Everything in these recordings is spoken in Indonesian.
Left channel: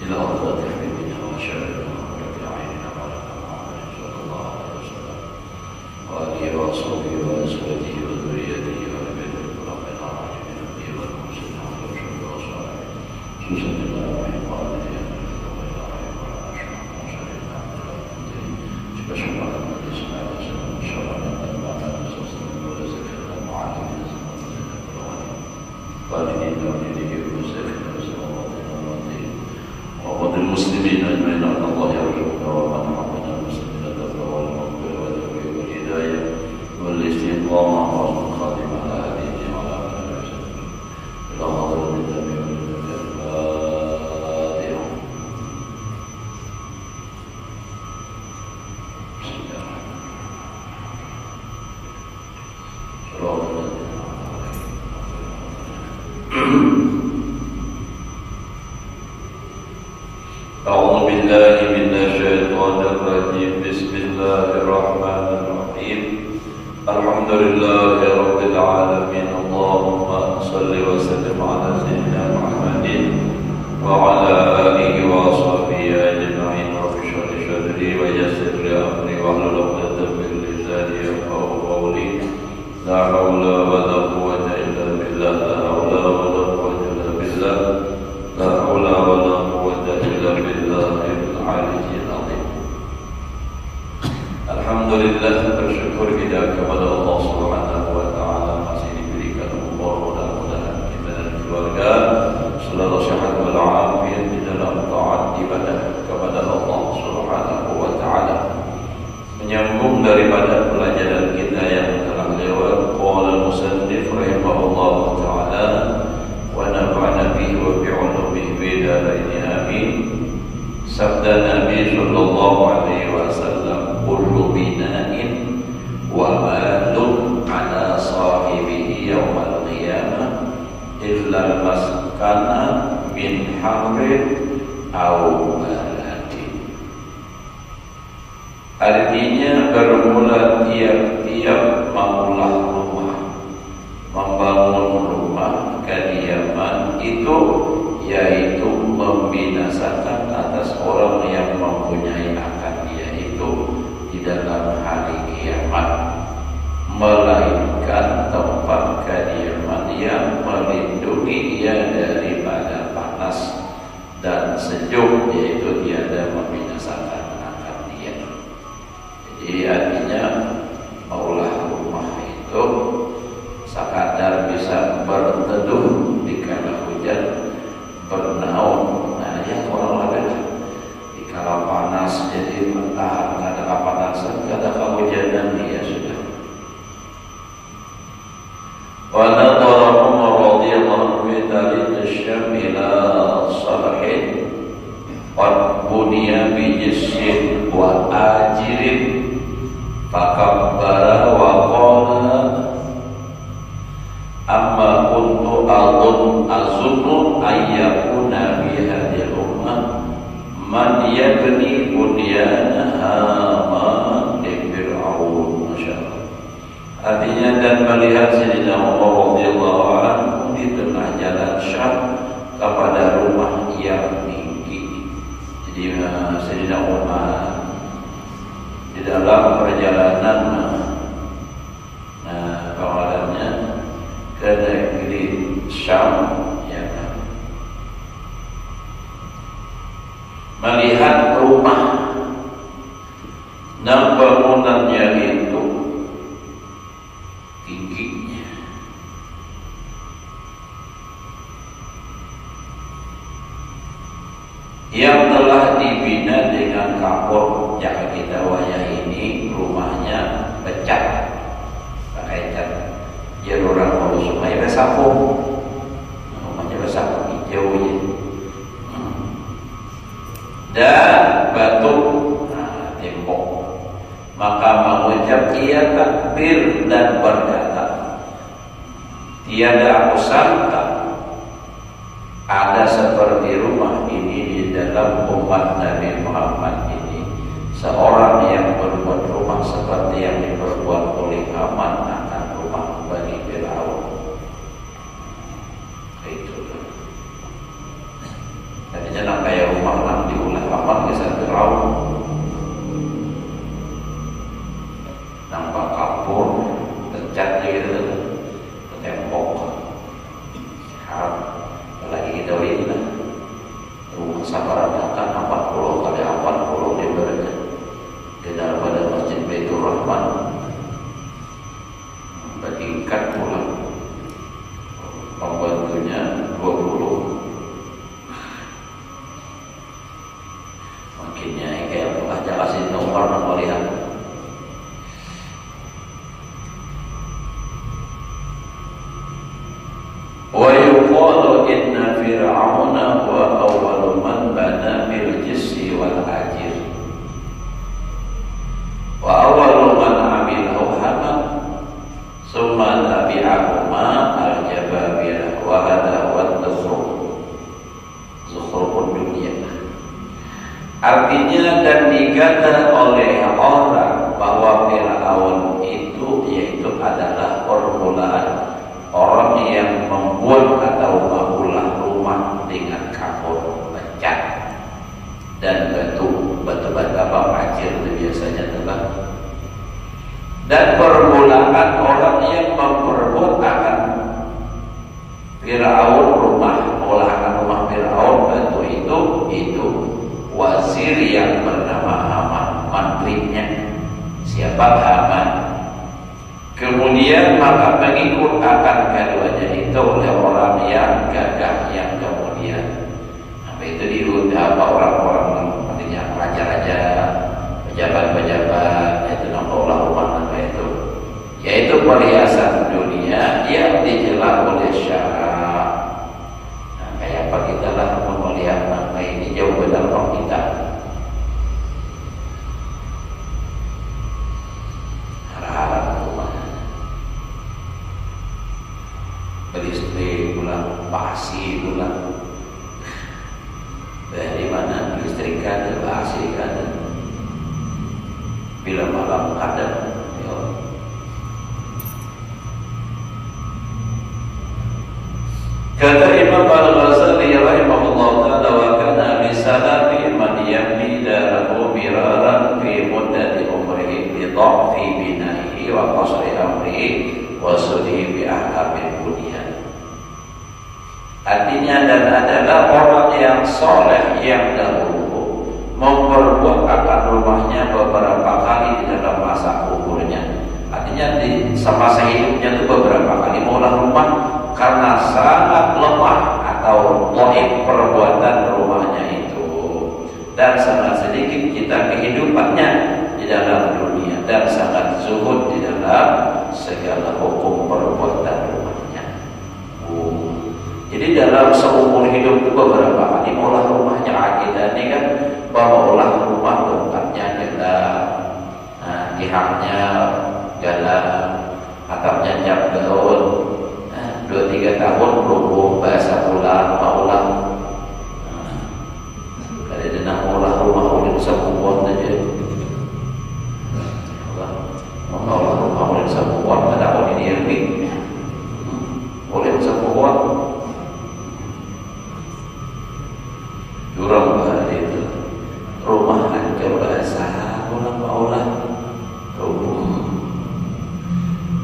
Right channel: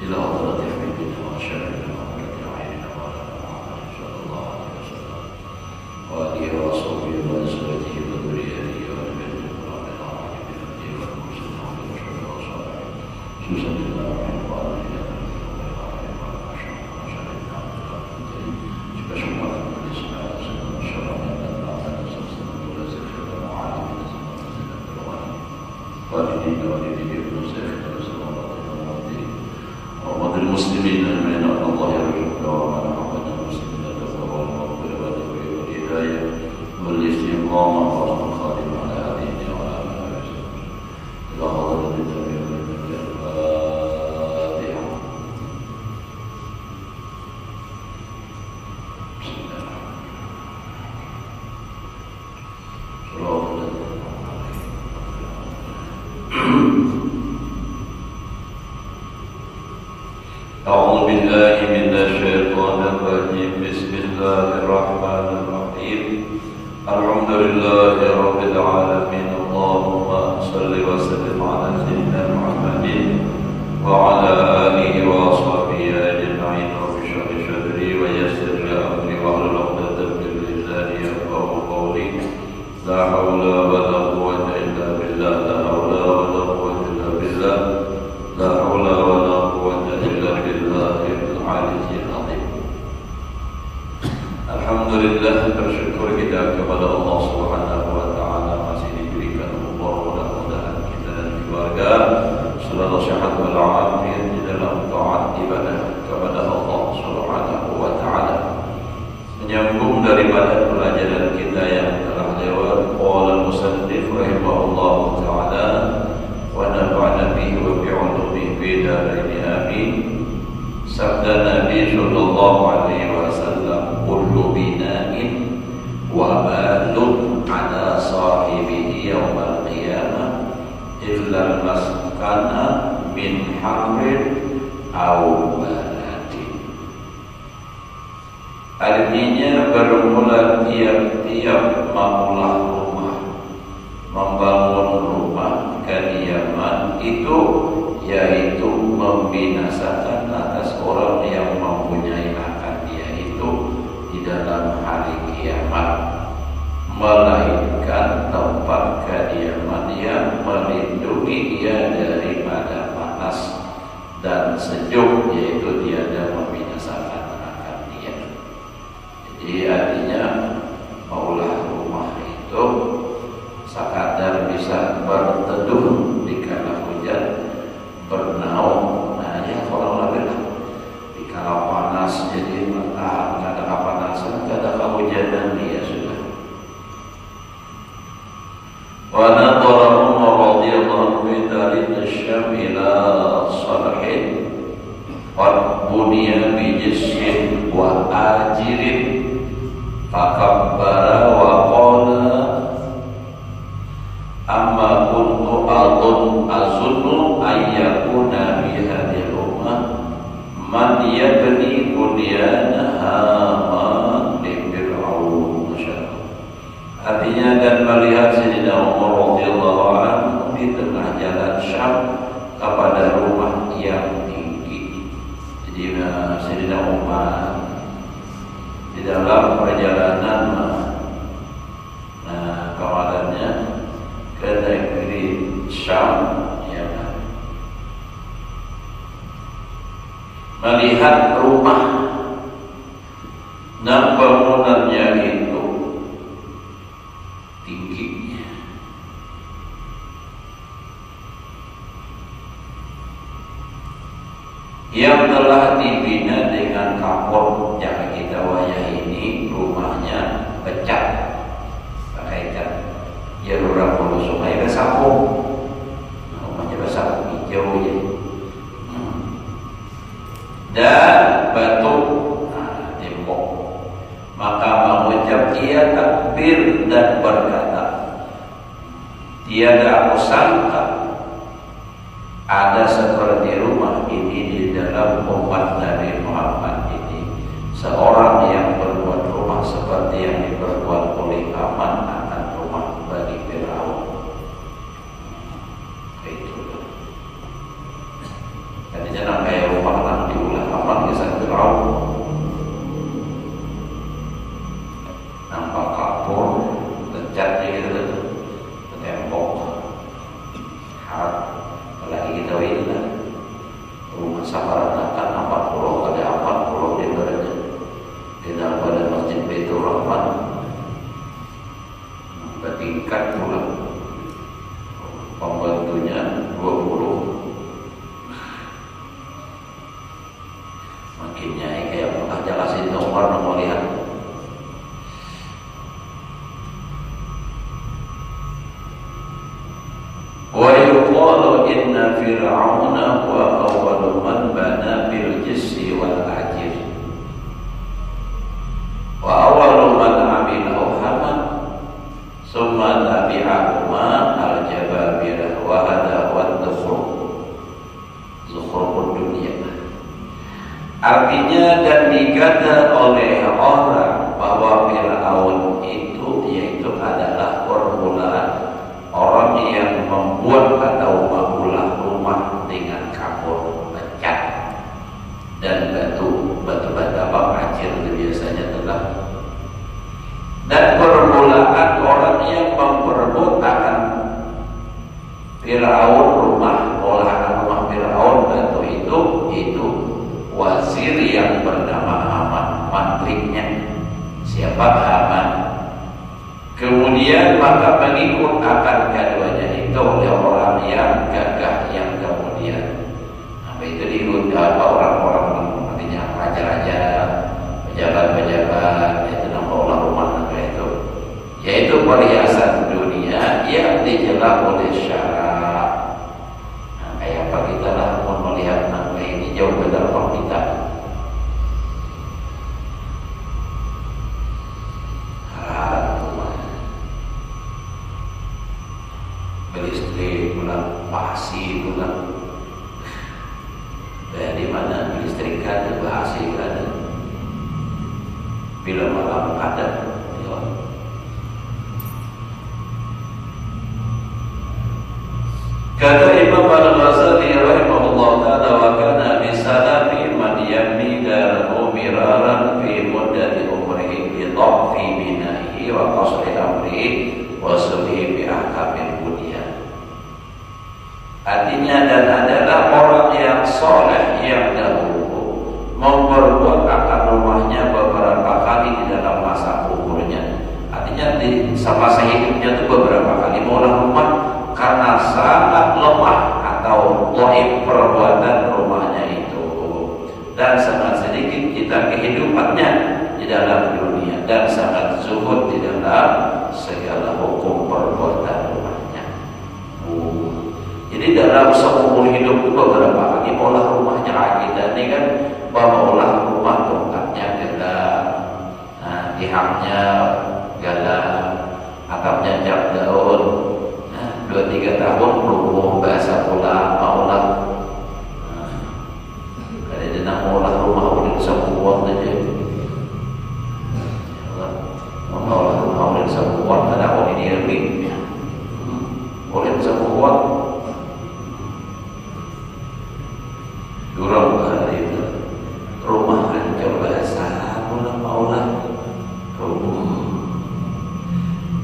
إلى حضرة حبيبنا وشفيعنا وقرة أعيننا محمد صلى الله عليه وسلم وآله وصحبه وأزواجه وذريته وآل بيته ومن أعمال من المسلمين ورسول الله صلى الله عليه وسلم خصوصا إلى أرحم والدينا المسلمين أجمعين أن الله يرزقنا ومن عبدنا المسلمين الأبواب والمغفرة والتوفيق والهداية والاستقامة وحسن الخاتمة على هديه وعلى آله وسلم إلى حضرة النبي الفاتحة. بسم الله الرحمن الرحيم. أعوذ بالله من الشيطان الرجيم. بسم الله الرحمن الرحيم. الحمد لله رب العالمين. اللهم صل وسلم على سيدنا محمد وعلى آله وصحبه أجمعين. رب اشرح لي صدري ويسر لي أمري واحلل عقدة من لساني يفقهوا قولي. لا حول ولا قوة إلا بالله. لا حول ولا قوة إلا بالله. لا حول ولا قوة إلا بالله العلي العظيم. Alhamdulillah, bersyukur kita kepada Allah Subhanahu wa taala masih diberikan umur mudah-mudahan kita dan keluarga selalu sehat walafiat di dalam taat ibadah kepada Allah Subhanahu wa taala. Menyambung daripada pelajaran kita yang telah lewat, qala musannif rahimahullah taala wa nafa'ana bihi wa bi'ulumihi fi darain amin. Sabda Nabi sallallahu alaihi wasallam, kullu bina'in wa malun ala sahibihi yawmal qiyamah illa maskana min hamrin aw baladin. Artinya bermula tiap-tiap membangun rumah kediaman itu yaitu membinasakan atas orang yang mempunyai akan dia itu di dalam hari kiamat, melainkan tempat kediaman yang melindungi dia daripada panas dan sejuk, yaitu tiada membinasakan akan dia. Jadi artinya maulah rumah itu sekadar bisa berteduh di kala hujan, bernaung, nah ya orang lain di kala panas jadi tahan ada kepanasan, ada kehujanan dia sudah. Wa nadhara Umar radhiyallahu anhu dari Syam ila Salahin qad buniya bi jisrin wa ajirin fakabbara wa qala amma kuntu azunnu ayyakuna bi hadhihi ummah man yabni bunyanaha fir'aun. Artinya, dan melihat Sayyidina Umar radhiyallahu anhu di tengah jalan Syam kepada rumah yang tinggi. Jadi Sayyidina Umar di dalam perjalanan kepadanya ke negeri Syam, ya, melihat rumah dan bangunannya itu tingginya. Yang telah dibina dengan kapur, jangan kita wayah ini rumahnya pecah, pakaikan ya orang mau supaya besapu, rumahnya besapu hijau ya, dan batu tembok. Maka mengucap ia takbir dan berkata, tiada aku sangka ada seperti rumah ini di dalam umat Nabi Muhammad ini, seorang yang berbuat rumah seperti yang diperbuat oleh Haman anak rumah Bani Fir'aun. Itu. Jadi jangan kayak rumah sabaratakan 40 kali 40 lebarnya di dalam Masjid Baitur Rahman bertingkat pula pembantunya 20. Makinnya kayak aja kasih orang mau lihat. Wa yuqalu inna fir'auna wa awwalu man bana bil jisri wal ajir wa awwalu man amila haman summa tabi'ahuma al-jababir wa hada wa zukhrufud dunya. Artinya dan dikata oleh orang bahwa Fir'aun itu yaitu adalah permulaan orang yang membuat atau membuat rumah dengan kapur pecat dan batu bata pasir biasanya telah. Dan permulaan orang yang memperbuat akan Fir'aun olahan rumah Fir'aun batu itu wazir yang bernama Haman, mantrinya. Siapa Haman? Kemudian maka mengikut akan keduanya itu oleh orang yang gagah yang kemudian apa itu diundang orang-orang artinya raja-raja, pejabat-pejabat, yaitu nama ulama yaitu perhiasan dunia yang dijelas oleh syarak. Nah, kayak apa kita lah melihat nama ini jauh dalam kita. Beristri pula pasti itu kan dari mana beristrikan itu pasti kan bila malam ada ya. Kata Imam Al-Ghazali rahimahullah ta'ala wa kana bisalafi man yamni dalahu miraran fi muddati umrihi bi dha'fi binahi wa qasri amrihi wa sudi bi ahkamil dunia. Artinya dan adalah orang yang soleh yang dahulu memperbuat akan rumahnya beberapa kali di dalam masa umurnya. Artinya di semasa hidupnya itu beberapa kali mengolah rumah karena sangat lemah atau dhaif perbuatan rumahnya itu dan sangat sedikit kita kehidupannya di dalam dunia dan sangat zuhud di dalam segala hukum perbuatan rumahnya. Jadi dalam seumur hidup itu beberapa kali olah rumahnya akidahnya kan bahwa olah rumah tempatnya kita pihaknya jalan atapnya jam daun 2-3 tahun belum bahasa ulang maulah kalau dia nak olah rumah oleh sebuah saja olah rumah oleh sebuah tak boleh diambil oleh sebuah durang bahasa itu rumah hancur bahasa maulah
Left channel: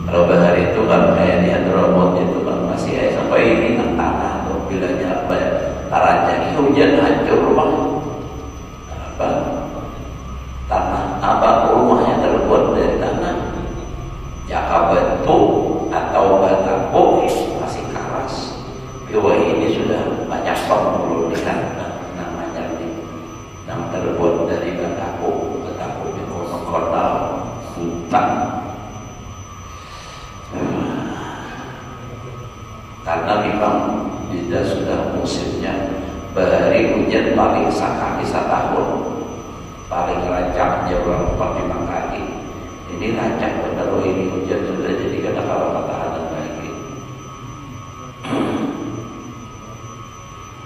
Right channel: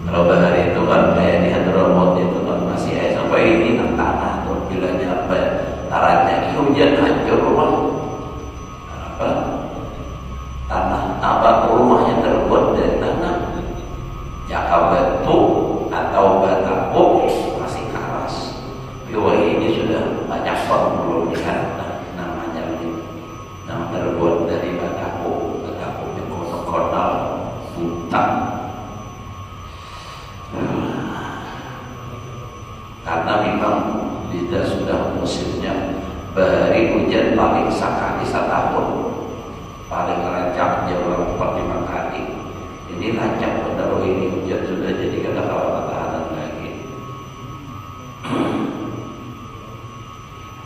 kalau bahasa itu kan kayak di Hadramut itu kan masih ada sampai ini tanah atau bilanya apa ya larannya itu hujan hancur rumah apa tanah apa rumahnya terbuat dari tanah jaka batu atau bataku masih keras. Biwa ini sudah banyak penghulu lihat namanya ini yang terbuat dari bataku yang kotor hutan. Karena memang kita sudah musimnya beri hujan paling sekali setahun paling rancang jauh 45 kali ini rancang benar ini hujan sudah jadi kena ketahanan lagi.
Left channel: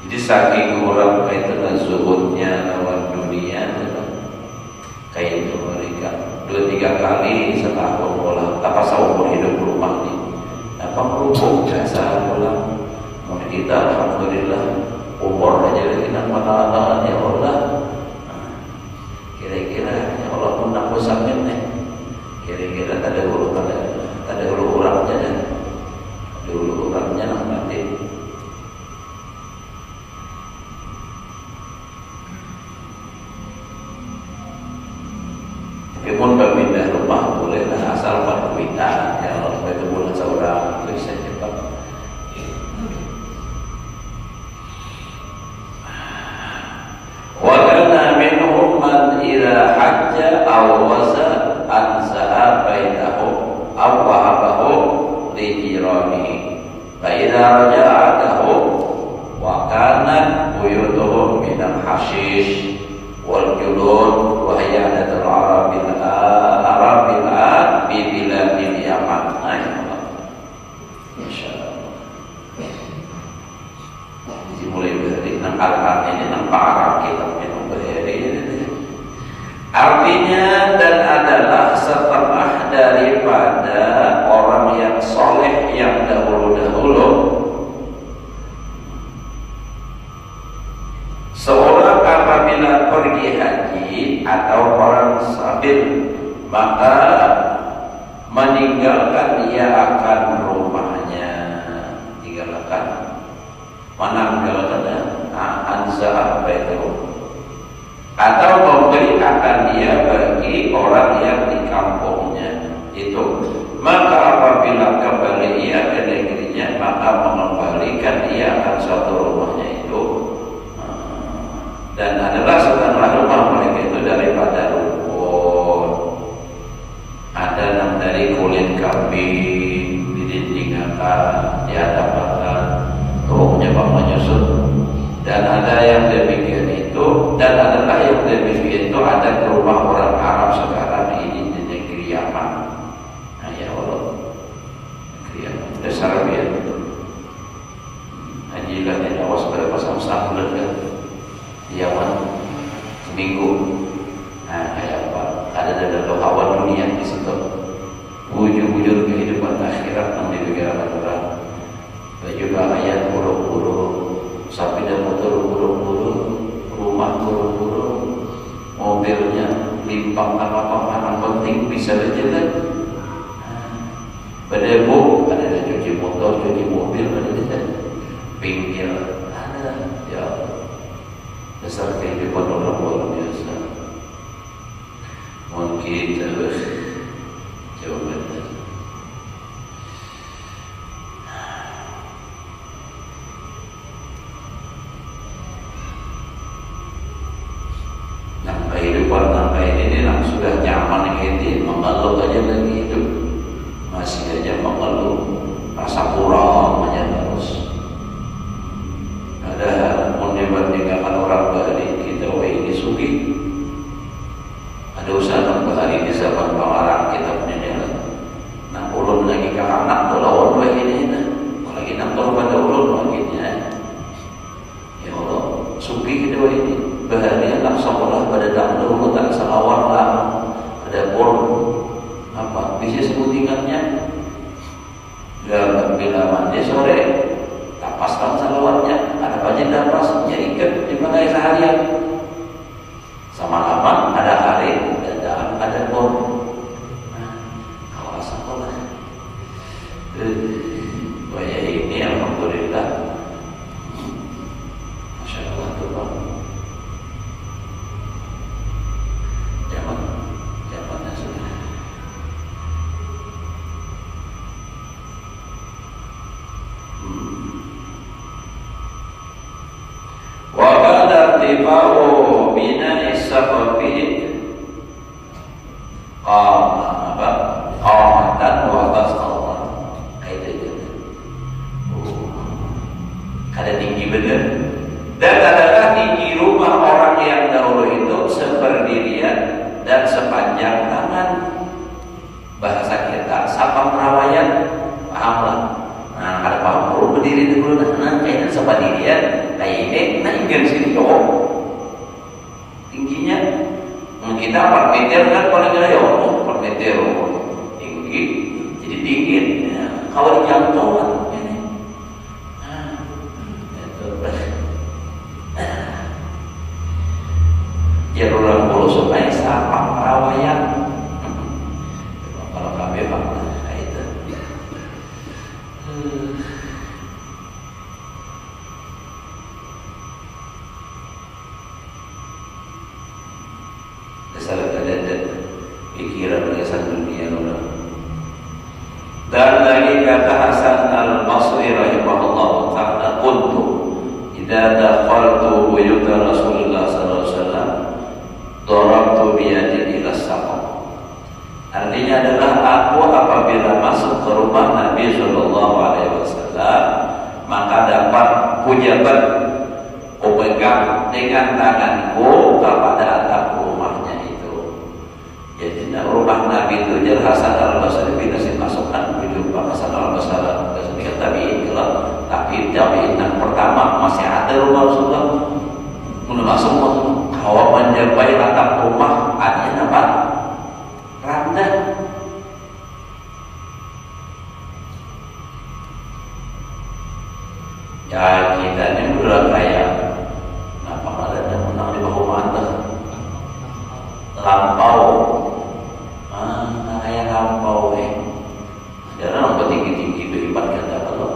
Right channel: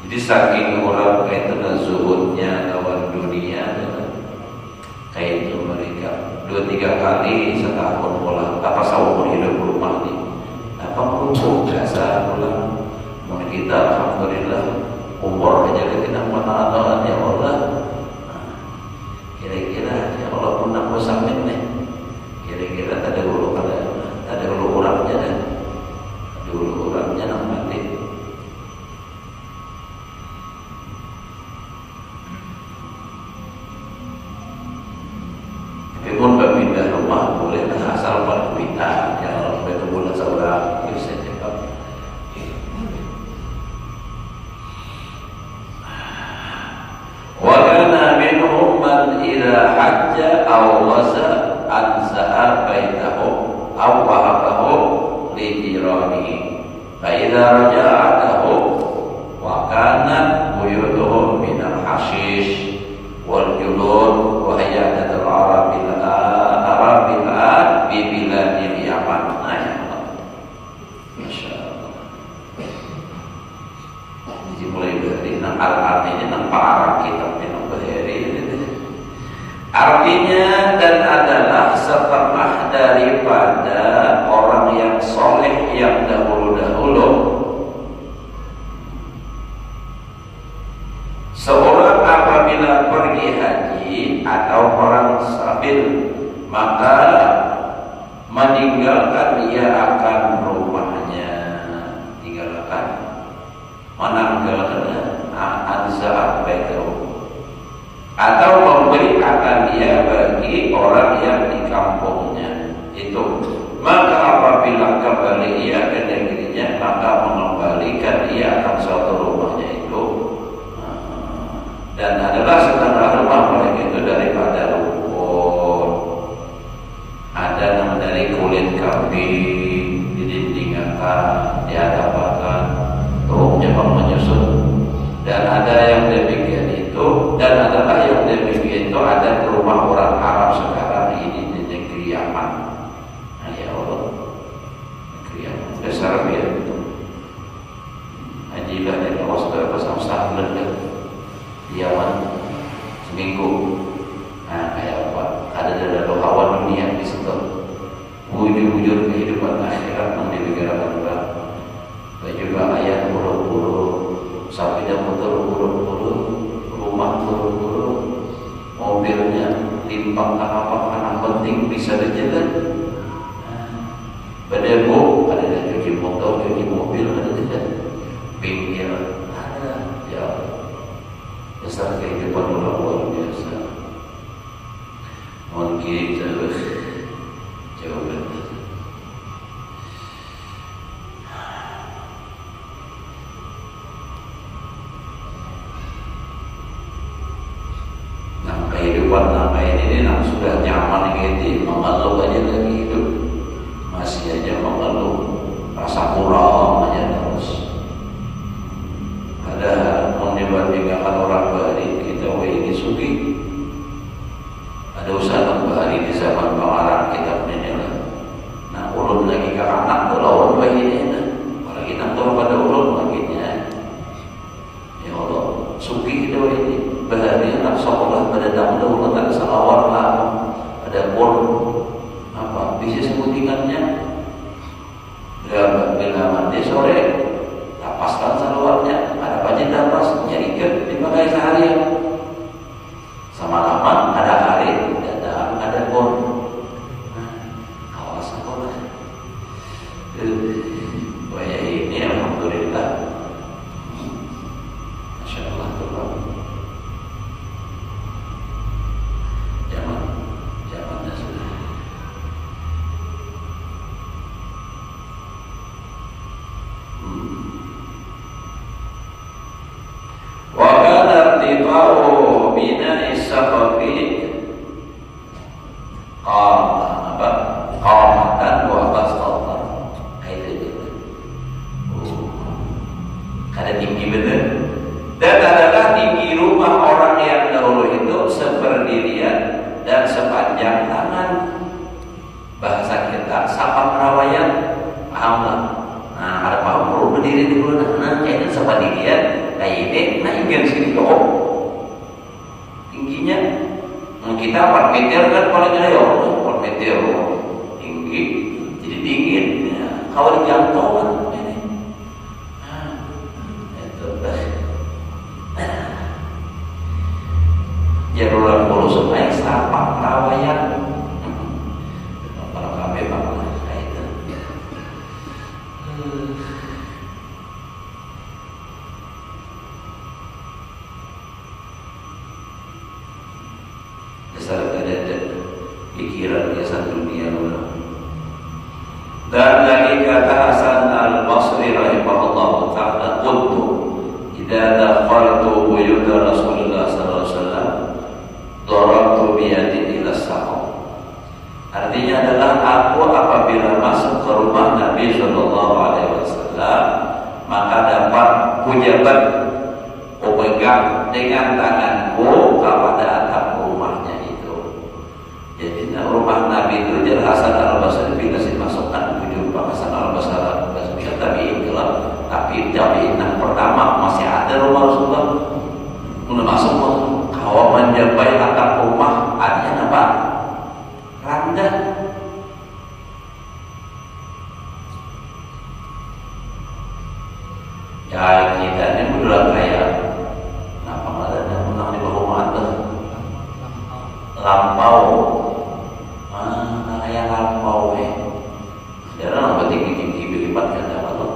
Jadi saking orang kaitan zuhudnya lawan dunia kayak itu mereka 2-3 kali setahun olah apa seumur hidup rumah ini apa berhubung jasa pulang mau kita alhamdulillah umur aja kita mengenal ya Allah. Kira-kira ya Allah pun nak sampai nih kira-kira ada urangnya dan urangnya nak mati awaza anza'a bainahu aw wahabahu li jiranihi fa idza raja'atahu wa kanat buyutuhum min al-hashish wal julud wa hiya adatul arabil bi biladil yaman. Insyaallah dimulai dari al-art ini nampak Arab kita minum bahari ini. Artinya dan adalah setelah daripada orang yang soleh yang dahulu-dahulu, seorang apabila pergi haji atau orang sabil, maka meninggalkan dia akan rumahnya, meninggalkan anza baitahu, atau memberi akan dia bagi orang yang di kampungnya itu. Maka apabila kembali ia ke negerinya, maka mengembalikan dia akan suatu rumahnya itu, dan adalah setengah rumah mereka itu daripada rumput, ada yang dari kulit kambing didindingkan di hadapan rumahnya menyusun, dan ada yang demikian itu, dan adalah yang demikian itu ada di rumah orang Arab sekarang ini di negeri Yaman. Nah ya Allah, negeri Yaman besar ya, haji kan yang awas berpasang sandal kan di Yaman seminggu. Nah kayak apa, ada hawa dunia di situ, wujud-wujud kehidupan akhirat yang dibicarakan orang. Dan juga ayat buru-buru, sapi dan motor buru-buru, rumah buru-buru, mobilnya timpang apa penting bisa dijaga. Berdebu, ada yang cuci motor, cuci mobil, ada tidak? Pinggir, ada. Ya, besar kehidupan orang luar biasa. Mungkin jawaban. Kehidupan ini sudah nyaman ini, mengeluh aja lagi hidup, masih aja mengeluh, rasa kurang aja terus. Ada dibandingkan orang bahari kita, ini sugi. Ada usaha bahari di zaman pengarang kita punya. Nah ulun lagi ke anak lawan begini, apalagi nanti pada ulun makinnya. Ya Allah, sugi kita ini. Bahari anak sekolah pada dahulu letak selawar lah, ada bor apa bisnis guntingannya. Bila mandi sore tapaskan selawarnya, ada banyak tapasnya ikat di bagai seharian. Semalaman ada hari dan ada bor. Nah, kawas sekolah. Bahaya ini alhamdulillah. Masya Allah tuh Pak. Ada tinggi benar. Dan adalah tinggi rumah orang yang dahulu itu seperdirian dan sepanjang tangan. Bahasa kita sapa perawayan, paham lah. Nah ada paham perlu berdiri dulu, nah kayaknya seperdirian. Nah ini, nah ingin sini dong. Tingginya kita 4 meter kan paling gede ya, 4 meter tinggi, jadi tinggi. Ya, kalau jangkauan ini, ya orang bulu supaya sapa perawayan. Kalau kami bang, itu. Pikirannya satu dunia. Dan lagi kata Hasan al-Basri rahimahullah ta'ala, qultu idza daqaltu buyuta Rasulullah sallallahu alaihi wasallam darabtu bi yadi ila saqf mengingatkanku kepada atap rumahnya itu. Jadi rumah Nabi itu jadi Hasan al-Basri bila dimasukkan berjumpa Hasan al-Basri tabi'in kalau tapi tabi'in yang pertama masih ada rumah Rasulullah masuk kalau menjambai atap rumah artinya apa? Randan. Ya kita ini dulu kayak nama ada menang di bawah mata lampau, kayak lampau sekarang apa tinggi beribat kata kalau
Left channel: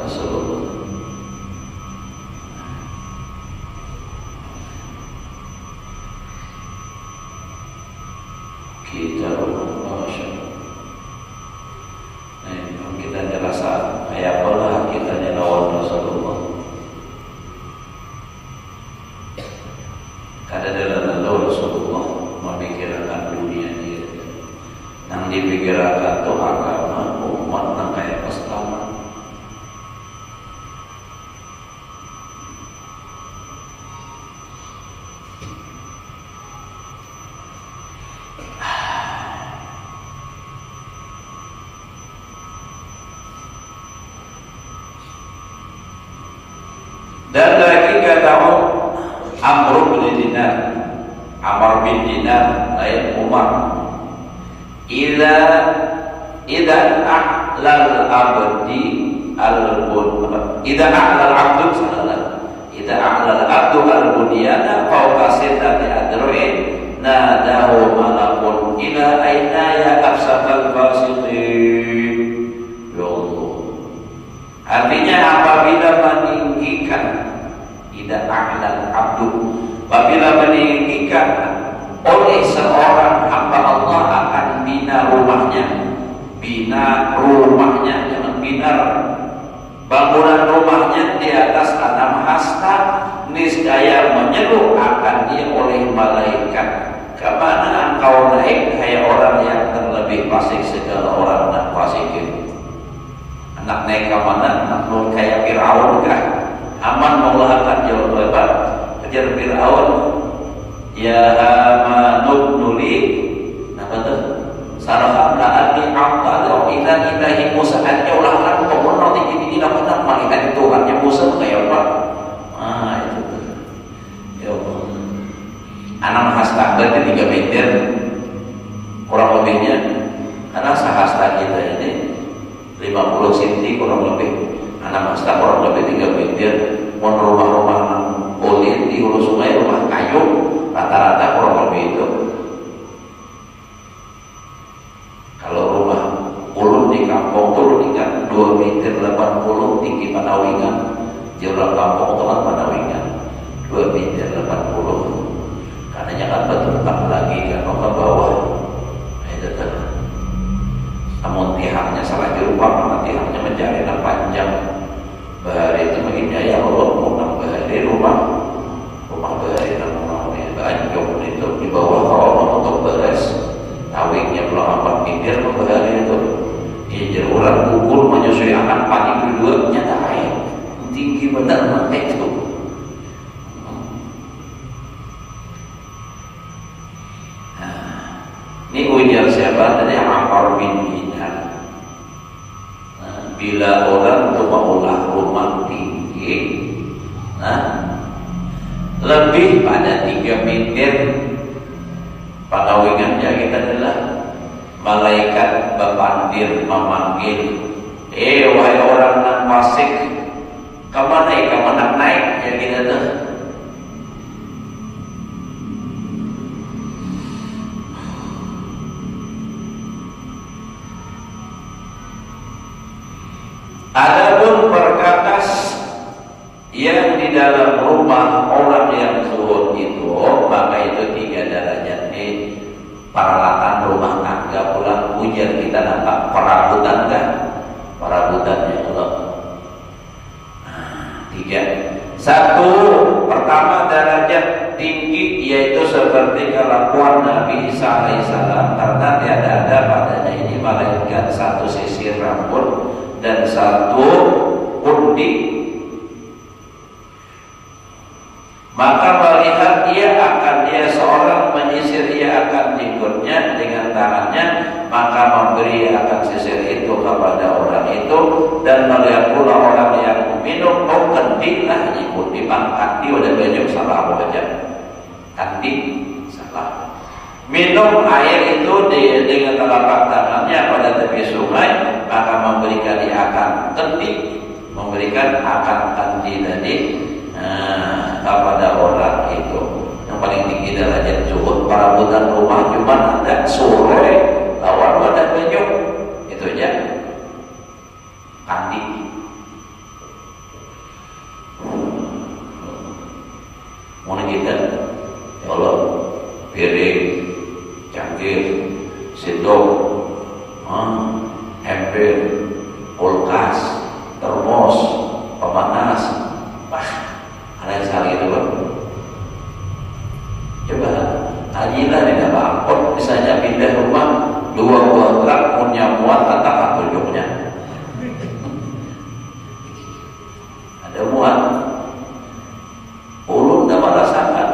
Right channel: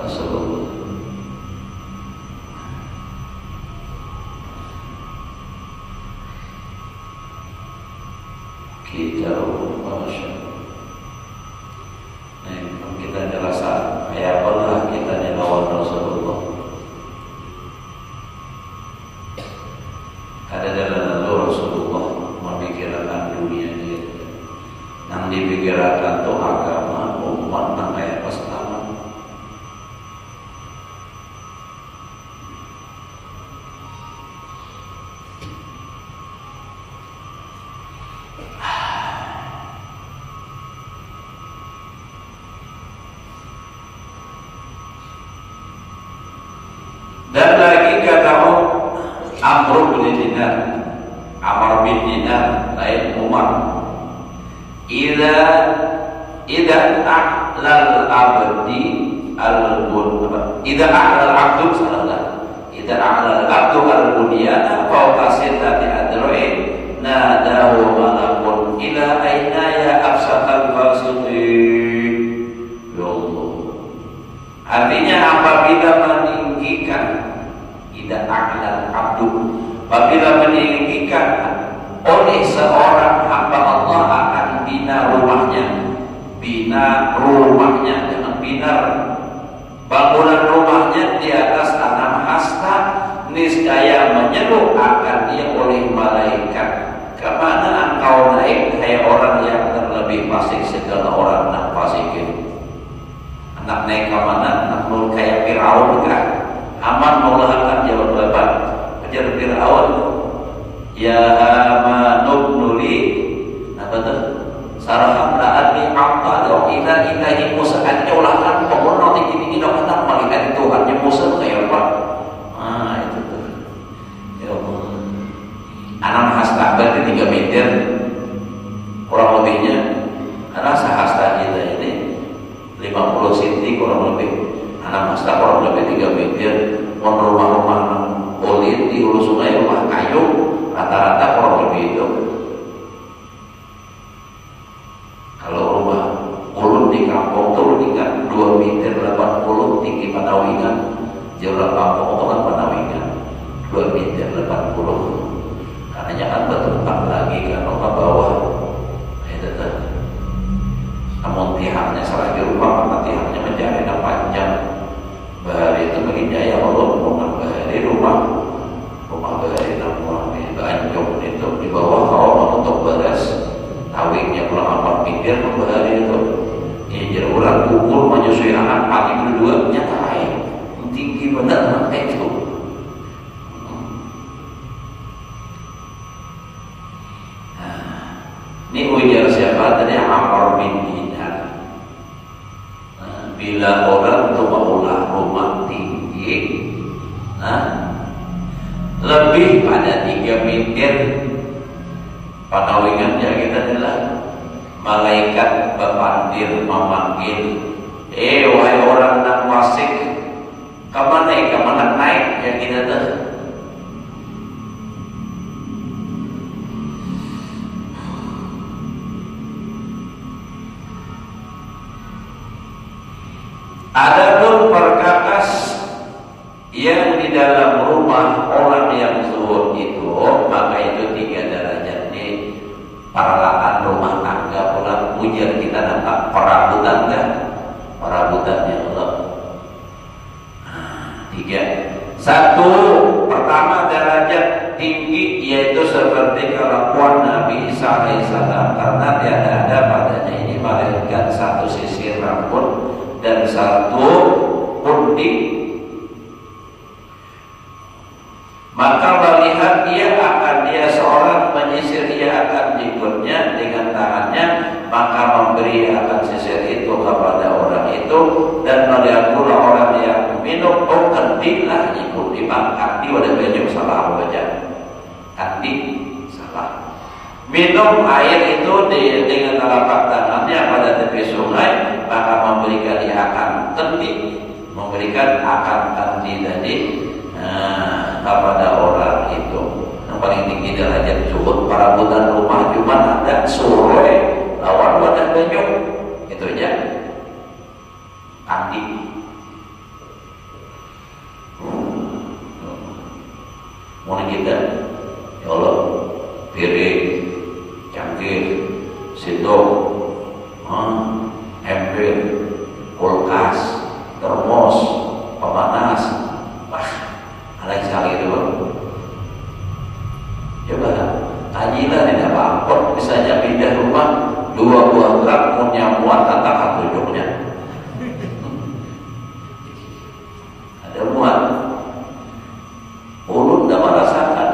Rasulullah kita kita terasa kayak pernah kita lawan Rasulullah. Ada dalam Rasulullah memikirkan dunia dia, yang dipikirkan itu agama umat yang kayak Islam. Dan lagi kata Amr bin Dinar, Amr bin Dinar lain Umar. Ida a'lal abdi al-bunyan. Ida a'lal abdu salah. Ida a'lal abdu al-bunyan fawqa sittati adru'in nadahu malakun ila aina ya afsaqal fasiqin. Ya Allah. Artinya apabila meninggikan tidak a'lal abdu, apabila meninggikan oleh seorang hamba Allah akan bina rumahnya dengan bina bangunan rumahnya di atas tanah hasta, niscaya menyeru akan dia oleh malaikat, kemana engkau naik hai orang yang terlebih fasik segala orang dan fasikin. Anak naik ke mana? Anak kayak Fir'aun kan? Aman mengulahkan jawaban Ajar Fir'aun, ya Haman nuli apa tuh? Sarahan la'adni a'tala ila ilahi Musa an ulahkan pemohon tinggi-tinggi dapat melihat Tuhannya Musa kayak apa? Itu tuh. Ya Allah. Anak hasta berarti 3 meter kurang lebihnya. Karena sahasta kita ini 50 cm kurang lebih. Anak hasta kurang lebih 3 meter. Rumah-rumah kulit di hulu sungai, rumah kayu rata-rata kurang lebih itu. Kalau rumah ulun di kampung itu meningkat 2 meter 80 tinggi Panawingan. Jauh kampung itu kan Panawingan 2 meter 80. Karena jangan bertempat lagi kan ke bawah. Itu tuh. Namun tiangnya salah di rumah, tiangnya menjadi panjang. Bahari itu begini ya Allah, bahari rumah bahari namanya banjong itu di bawah kalau untuk beres awingnya pulang 4 meter bahari itu ya jaruran pukul menyusui anak pagi berdua nyata kayak tinggi benar makanya itu. Ini ujar siapa tadi Amr bin Dinar. Bila orang itu maulah rumah tinggi, lebih pada 3 meter, Panawingannya kita adalah malaikat berpandir memanggil, wahai orang yang fasik, kemana naik ya kita tuh. Adapun perkakas yang di dalam rumah orang yang zuhud itu, maka itu 3 derajat di peralatan rumah tangga. Pulang ujar kita nampak perabotan kan? Perabotannya Allah. 3. 1. Pertama derajat tinggi yaitu seperti kelakuan Nabi Isa alaihissalam, karena tiada ada padanya ini malaikat 1 sisir rambut dan 1 putih, maka melihat dia seorang menyisir ia akan jenggotnya dengan tangannya, maka memberi akan sisir itu kepada orang itu, dan melihat pula orang yang minum, oh kendilah ibu dimangkat di oleh banyak salah apa baca kandi salah minum air itu dengan telapak tangannya pada tepi sungai, maka memberikan dia akan kendi, memberikan akan kandi tadi kepada orang itu. Yang paling tinggi derajat zuhud para budak rumah cuma ada sore awal pada banyak itu aja kandi. Mau kita ya Allah piring, cangkir, sendok, ember, kulkas, termos, pemanas, ada yang sekali itu kan? Coba hajilah di dalam angkot, misalnya pindah rumah 2 buah truk punya muat tantangan tunjuknya. Ada muat, ulun dah merasakan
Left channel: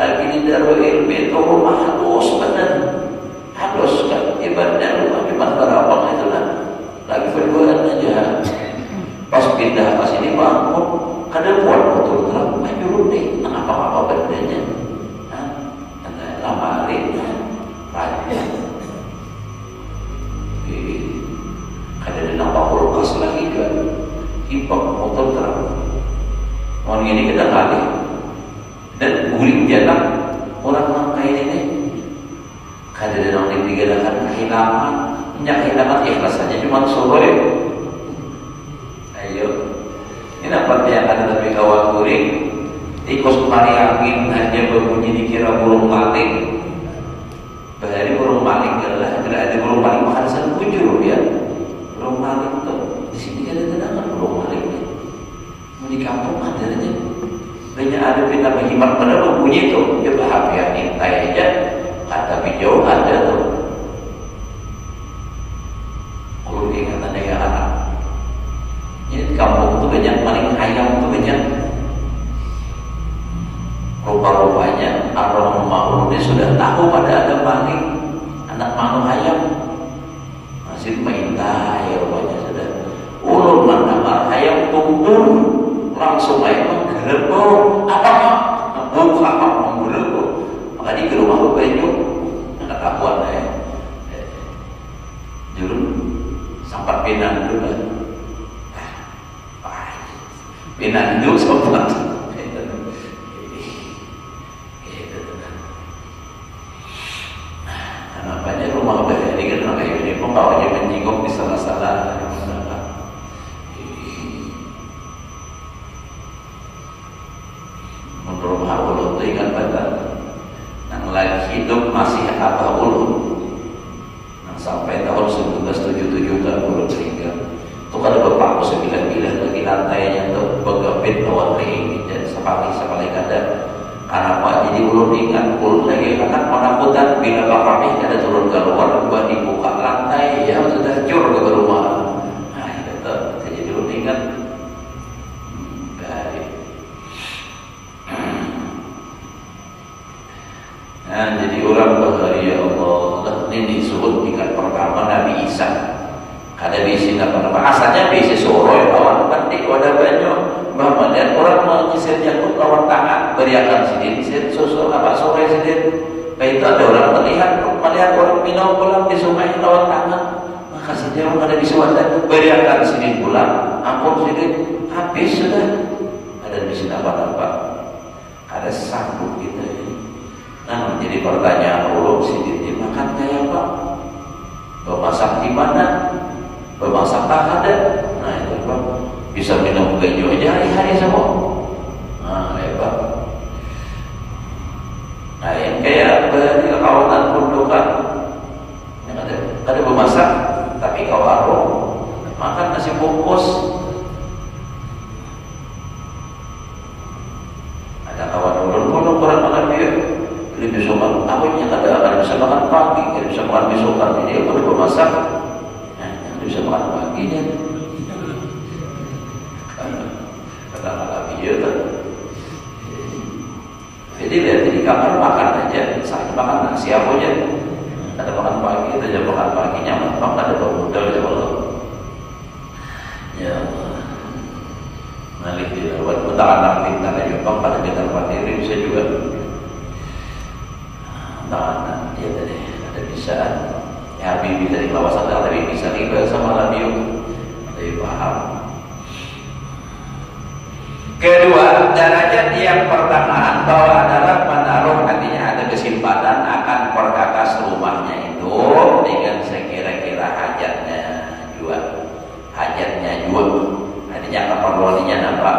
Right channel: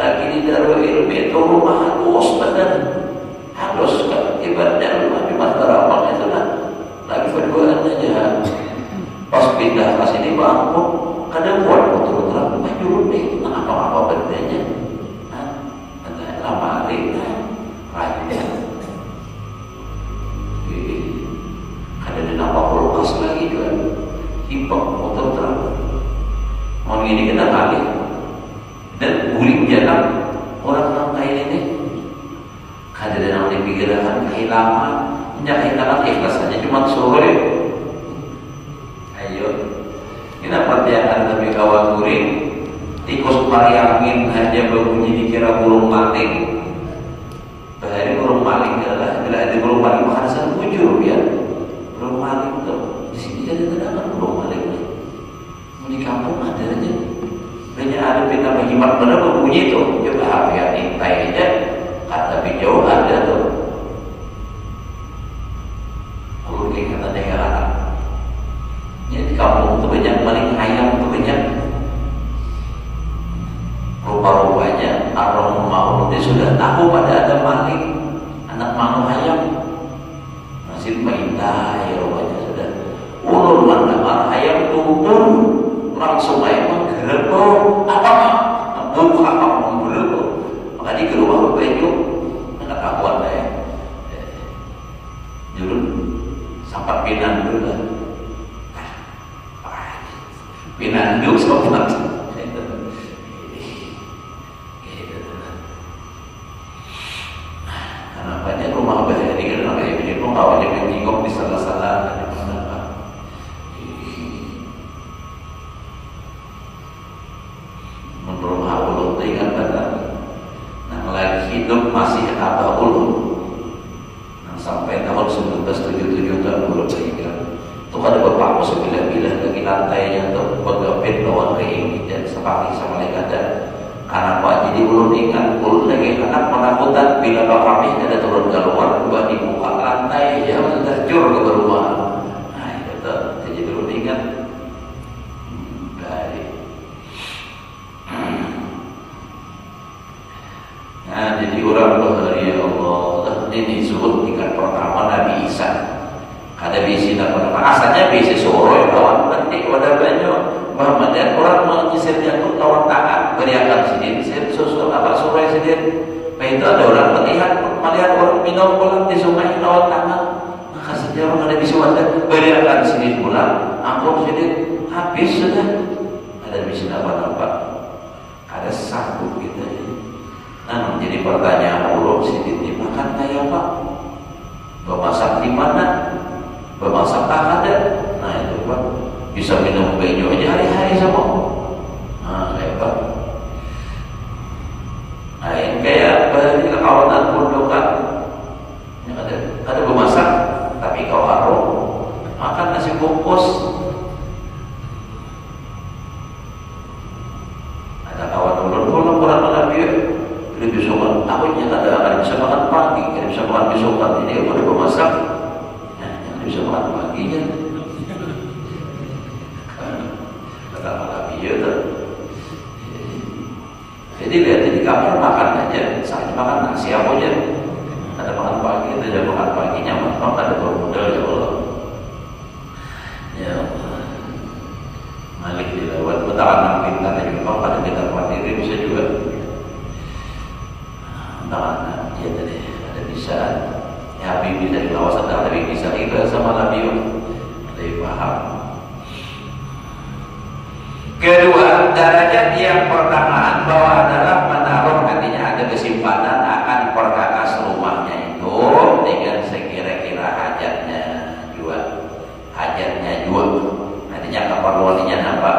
lagi di Darul Ilmi itu rumah halus badan, halus kan? Ibaratnya rumah cuma berapa itu lah, lagi berduaan aja. Pas pindah ke sini bangun, kadang buat betul terang, nyurut deh, apa bedanya? Ada amali, rajin. Kadang di nampak kulkas lagi kan, hipok motor terang. Orang ini kena balik, dan guling jangan orang kayak ini. Kadang orang dipikirkan kehilangan, kehilangan ikhlas saja cuma sore. Ayo. Ini pertanyaan tapi kawan guring tikus mari angin aja berbunyi dikira burung maling. Bahari burung maling adalah berarti burung maling makan sebujur ya. Burung maling tuh di sini ada terdapat burung maling. Mau di kampung ada aja. Banyak ada kita menyimak benar berbunyi itu. Coba apa ya intai aja. Tapi jauh ada tuh. Kalau dikata negara. Jadi kampung itu banyak maling ayam itu banyak. Rupa-rupanya orang mau dia sudah tahu pada ada maling anak manu ayam masih minta ya rupanya sudah ulun mana ayam tumpul langsung ayam menggerebek apa buka apa menggerebek maka di rumah baju nggak tahu apa ya jurun sampai pinan dulu kan. Pinandu sobat. Kenapanya rumah bahari kan orang ini pembawanya menyinggung di salah-salah. Menurut Allah itu ingat benar. Yang lagi hidup masih apa ulun. Yang sampai tahun 1977 kan belum meninggal. Itu ada beberapa 9 lagi lantainya tuh begapit bawah kering dan sekali kada anak jadi ulun ingat ulun lagi anak-anakutan bila bapak ada turun ke luar buat dibuka lantai ya terjur ke rumah. Nah itu jadi ulun ingat dari nah jadi orang berhari ya Allah ini suruh tingkat pertama Nabi Isa. Ada bisi dan asalnya bisi sore lawan penting pada banyak bahkan orang mengisir jatuh lawan tangan beriakan sedikit susu apa sore sedikit. Itu ada orang melihat orang minum pulang di sungai lawan tangan maka saja orang ada bisi wadah beriakan sedikit pulang ampun sedikit habis sudah ada bisi apa ada sambung gitu. Nah menjadi pertanyaan ulun sedikit dimakan kayak apa memasak di mana bermasak tak ada, nah itu kan bisa minum banyu aja hari-hari semua. Nah itu, nah yang kayak dari kawanan produkan yang ada bermasak, tapi kalau warung makan nasi bungkus, ada kawan bermula orang makan dia, dia bisa makan, aku ada bisa makan pagi, dia bisa makan besokan, ini udah bermasak. Bisa makan paginya iya tuh. Jadi lihat di kamar makan aja, saya makan nasi apa aja. Ada makan pagi, itu jam makan paginya memang ada bermodal ya Allah. Ya Allah. Malik dilawat, betul anak pintar dari bapak pada kita mandiri bisa juga. Nah, dia tadi ada bisa. Ya Habib bisa di kawasan tapi bisa juga sama radio. Lebih paham. Kedua, derajat yang pertama bahwa adalah menaruh nantinya ada kesimpanan akan perkakas rumahnya itu dengan sekira-kira hajatnya dua. Nantinya keperluannya apa?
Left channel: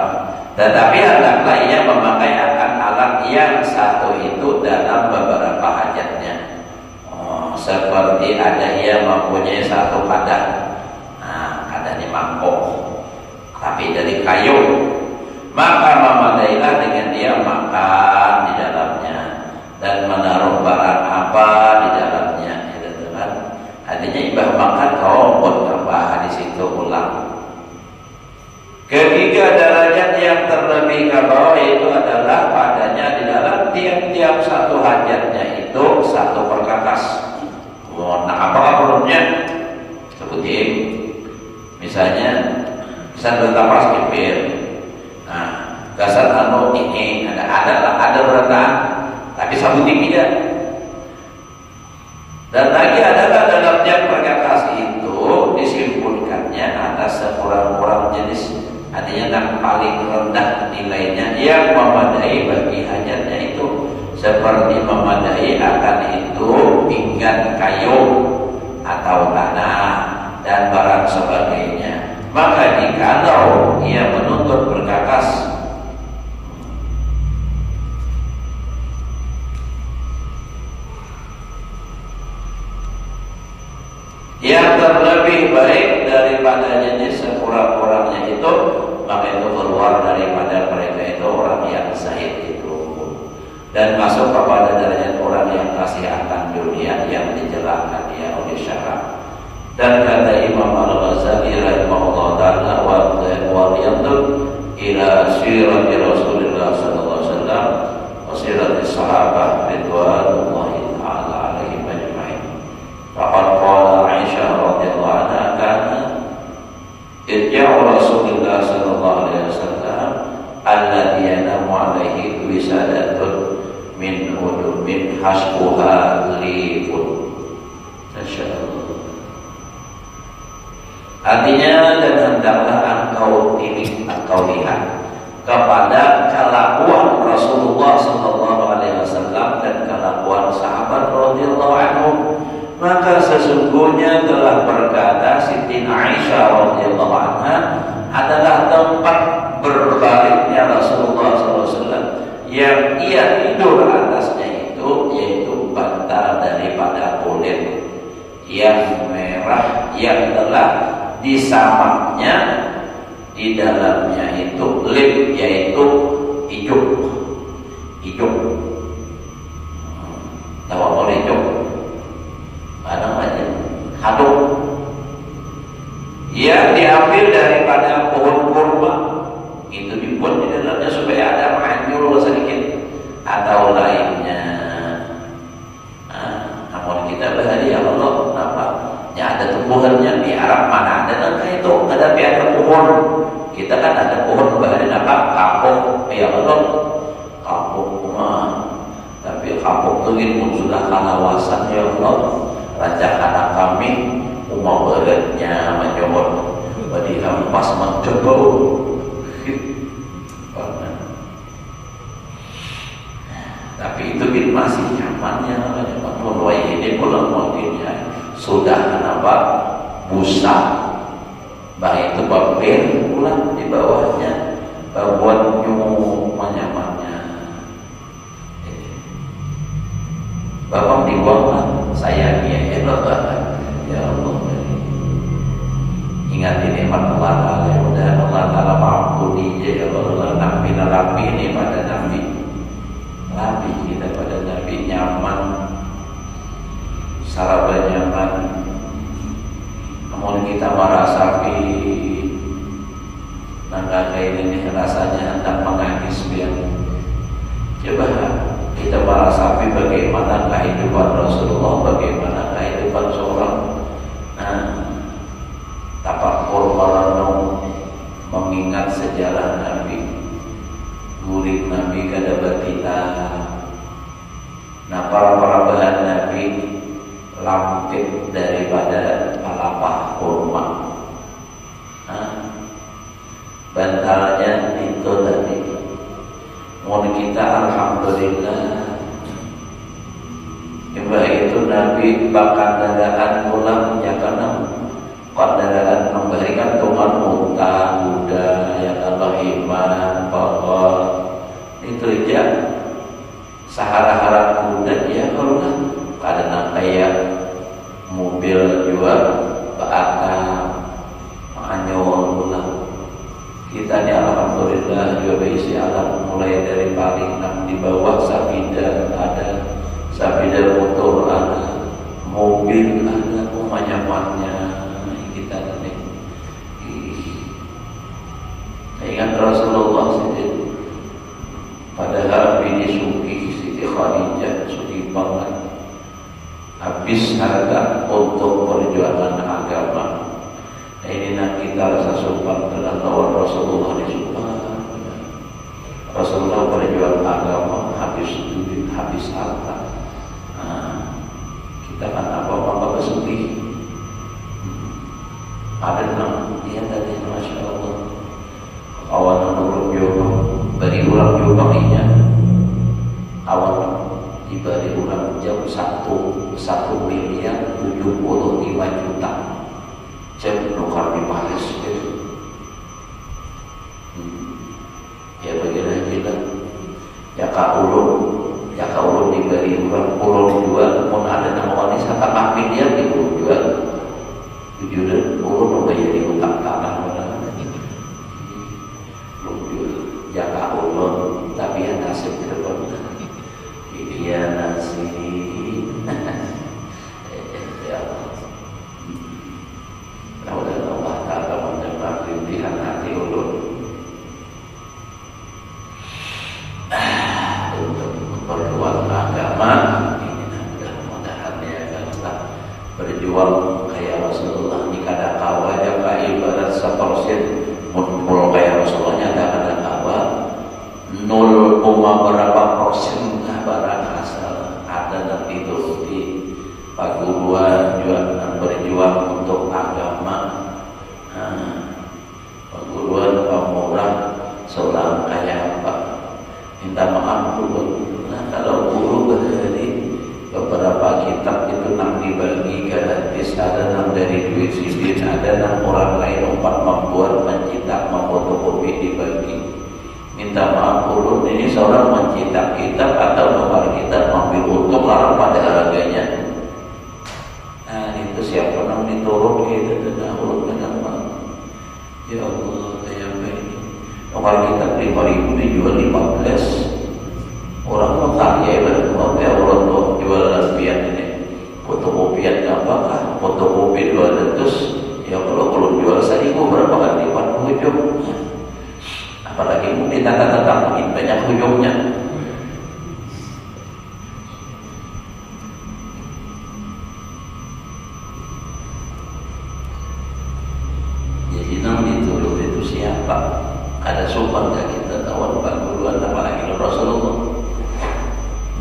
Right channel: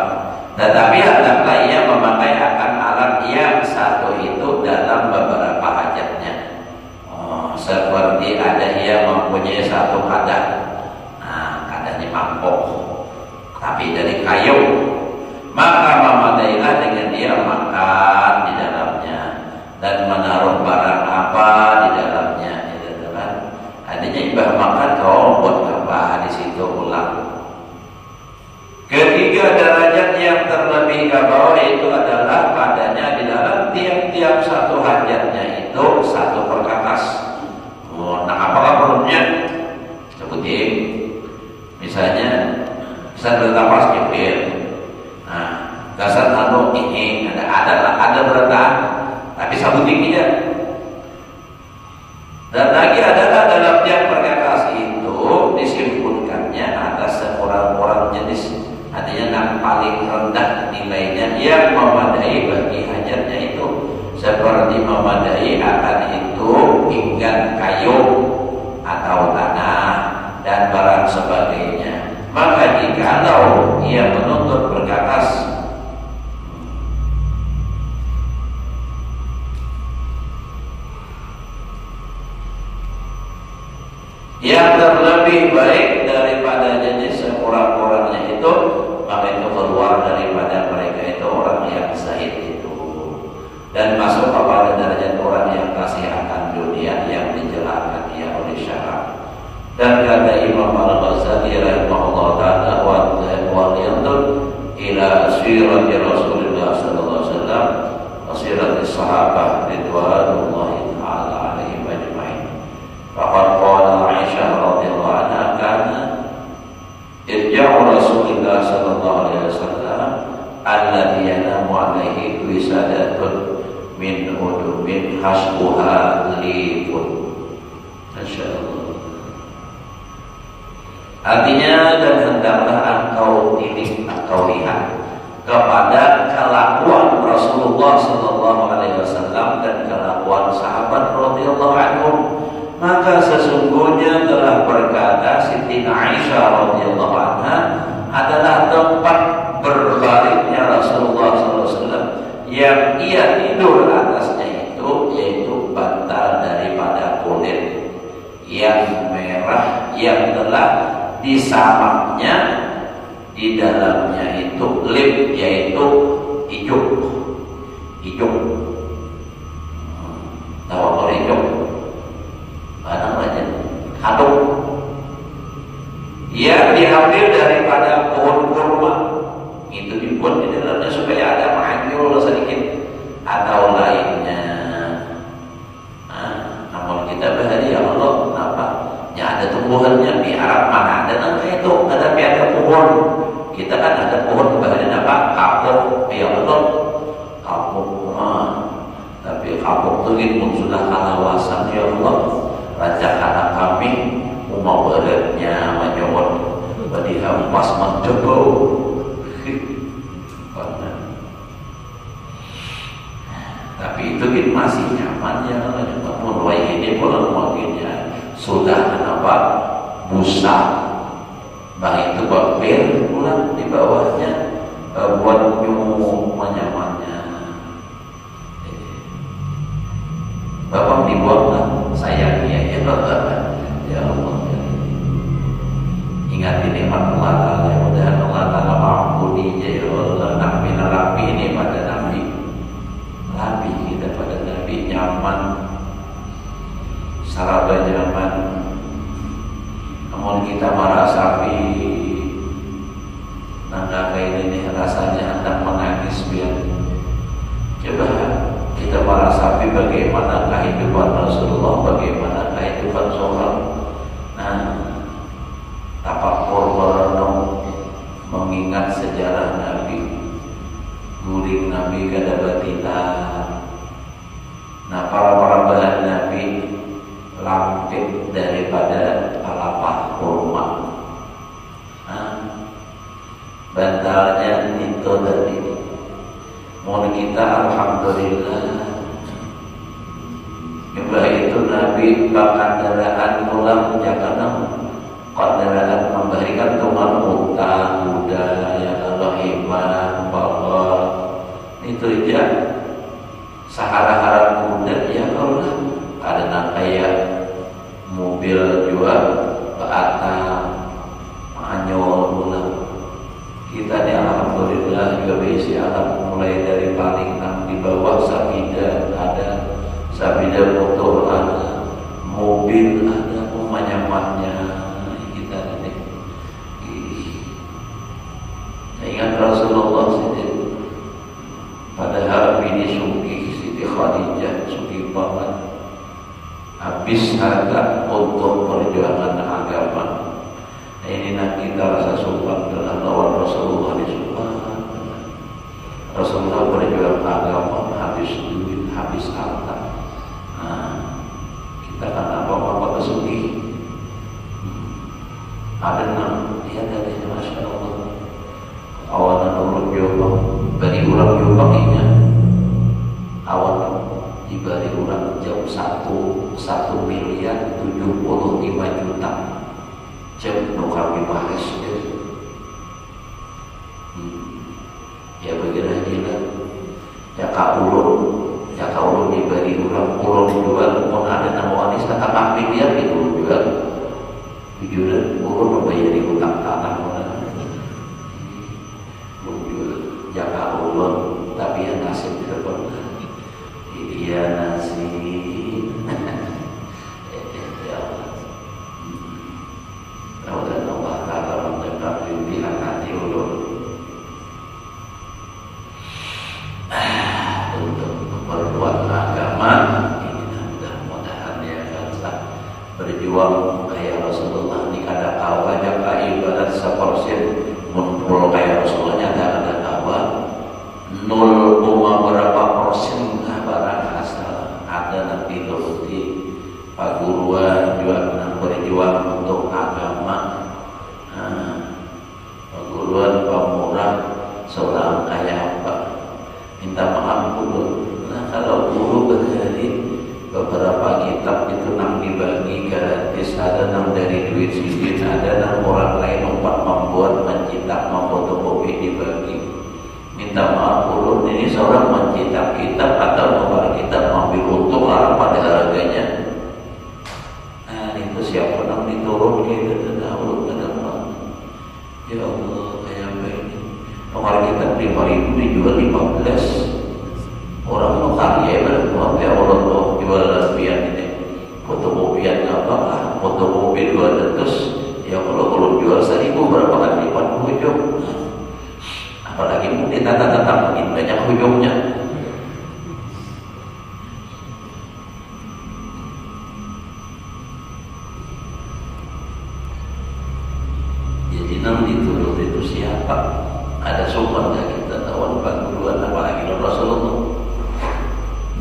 Tetapi hendaklah ia memakai akan alat yang satu itu dalam beberapa hajatnya. Seperti ada ia mempunyai satu kadah, kadahnya mangkok, tapi dari kayu. Maka memadailah dengan dia makan di dalamnya dan menaruh barang apa di dalamnya, gitu kan? Artinya ibah makan kau buat apa di situ ulang. Ketiga, derajat yang terlebih ke bawah itu adalah padanya di dalam tiap-tiap satu hajatnya itu satu perkakas. Nah, apa perlunya? Sebutin, misalnya, bertapas kipir. Dasar tanu ini ada berenang, tapi sabuting aja. Dan lagi adalah dalam tiap perkakas itu disimpulkannya ada sekurang-kurang jenis, artinya yang paling rendah nilainya yang memadai bagi hajatnya itu, seperti memadai akan itu pinggan kayu atau tanah dan barang sebagainya. Maka jikalau ia menuntut perkakas yang terlebih baik daripada jenis sekurang-kurangnya itu, maka itu keluar daripada mereka itu orang yang zahid itu dan masuk kepada derajat orang yang kasih akan dunia yang dijelaskan dia oleh syarat. Dan kata Imam Al-Ghazali rahimahullah ta'ala wa yandur ila sirati Rasulullah sallallahu alaihi wasallam wa sirati sahabat ridwanullahi ta'ala alaihim ajma'in. Faqad qala Aisyah radhiyallahu anha kana irja'u Rasulullah sallallahu alaihi wasallam alladhi yanamu alaihi wisadatun min udubin hasbuha lifun. Masyaallah. Artinya, dan hendaklah engkau lihat kepada kelakuan Rasulullah sallallahu alaihi wasallam dan kelakuan sahabat radhiyallahu anhum. Maka sesungguhnya telah berkata Siti Aisyah radhiyallahu anha adalah tempat berbaringnya Rasulullah sallallahu alaihi wasallam yang ia tidur atasnya itu yaitu bantal daripada kulit yang merah yang telah disamaknya di dalamnya itu lip, yaitu ijuk. Tahu apa ijuk? Mana aja? Hadung. Yang diambil daripada pohon kurma itu dibuat di dalamnya supaya ada manyul sedikit atau lainnya. Namun kita berhari ya Allah, kenapa? Ya ada tumbuhannya di Arab mana ada nangka itu, tetapi ada pohon. Kita kan ada pohon berhari apa? Kapuk, ya Allah, kapuk tapi kapuk itu muncullah kalawasan ya Allah. Raja anak kami umah beratnya menyomot dihampas mencoba. Tapi itu masih nyaman ya, namun ini belum mungkinnya sudah kenapa busa, baik itu bakpir pulang di bawahnya buat nyumuk menyamannya. Bapak dibuang saya ya Bapak, ya Allah. Ingat ini Allah, mudah Allah Taala mengampuni ya Allah. Nabi Nabi ini pada Nabi kita pada Nabi nyaman, saraba nyaman. Namun kita merasa nangga ini rasanya hendak Coba kita merasapi bagaimana kehidupan Rasulullah, bagaimana kehidupan seorang tafakur merenung, mengingat sejarah Nabi, guring Nabi kada batina. Nah, para bahan Nabi lampir daripada palapa kurma. Bantalnya itu tadi. Mohon kita alhamdulillah. Coba itu Nabi bakandaraan pulang jangan kendaraan memberikan Tuhan unta, kuda, yang Allah iman, bakal itu aja. Sahara-hara kuda ya Allah. Ada kayak mobil juga, bata, anyol pulang. Kita ni alhamdulillah juga berisi alam mulai dari paling di bawah sabida ada, sabida motor ada, mobil ada, pemanyamannya kita ni. Ingat Rasulullah sendiri padahal bini Suki Siti Khadijah Suki banget habis harga untuk perjuangan agama. Ini nak kita rasa sumpah dengan tawar Rasulullah di surga. Rasulullah berjuang agama habis duit, habis harta. Kita kan apa-apa bersedih. Ada yang dia dari Masya Allah. Awalan urut jodoh bagi ulang jodohnya. Awalan diberi ulang jam 1 miliar 75 juta. Jam nukar di Paris itu. Ya begini aja ya kak ulun diberi uang ulun dijual pun ada nama wanita tak dia gitu jual jujur ulun membayar di utang tanah ya kak ulun tapi yang nasib tidak pernah dia nasib berjuang kayak Rasulullah ni kada kawa jaga ibarat sepersen mun kayak Rasulullah ada kawa 0, berapa persen barang asal ada nanti turuti paguruan juga berjuang untuk agama. Paguruan pemurah seorang kayak apa minta maaf dulu. Nah kalau guru berhari beberapa kitab itu nang dibagi gratis, ada nang dari duit sidin, ada nang orang lain umpat membuat mencetak memfotokopi dibagi. Minta maaf ulun ini seorang mencetak kitab atau membuat kitab mengambil untung larang pada harganya. Nah itu siapa nang diturun gitu dahulu benar. Ya Allah saya baik. Nomor kitab 5.000 dijual 15. Orang mau karya berapa orang tuh jual lesbian ini fotokopian apa kan fotokopi 200 ya kalau jual 1.000 berapa kan lipat ujung apalagi mau ditata-tata makin banyak ujungnya. Jadi nang diturut itu siapa ada sopan gak kita tahu 40-an apalagi Rasulullah.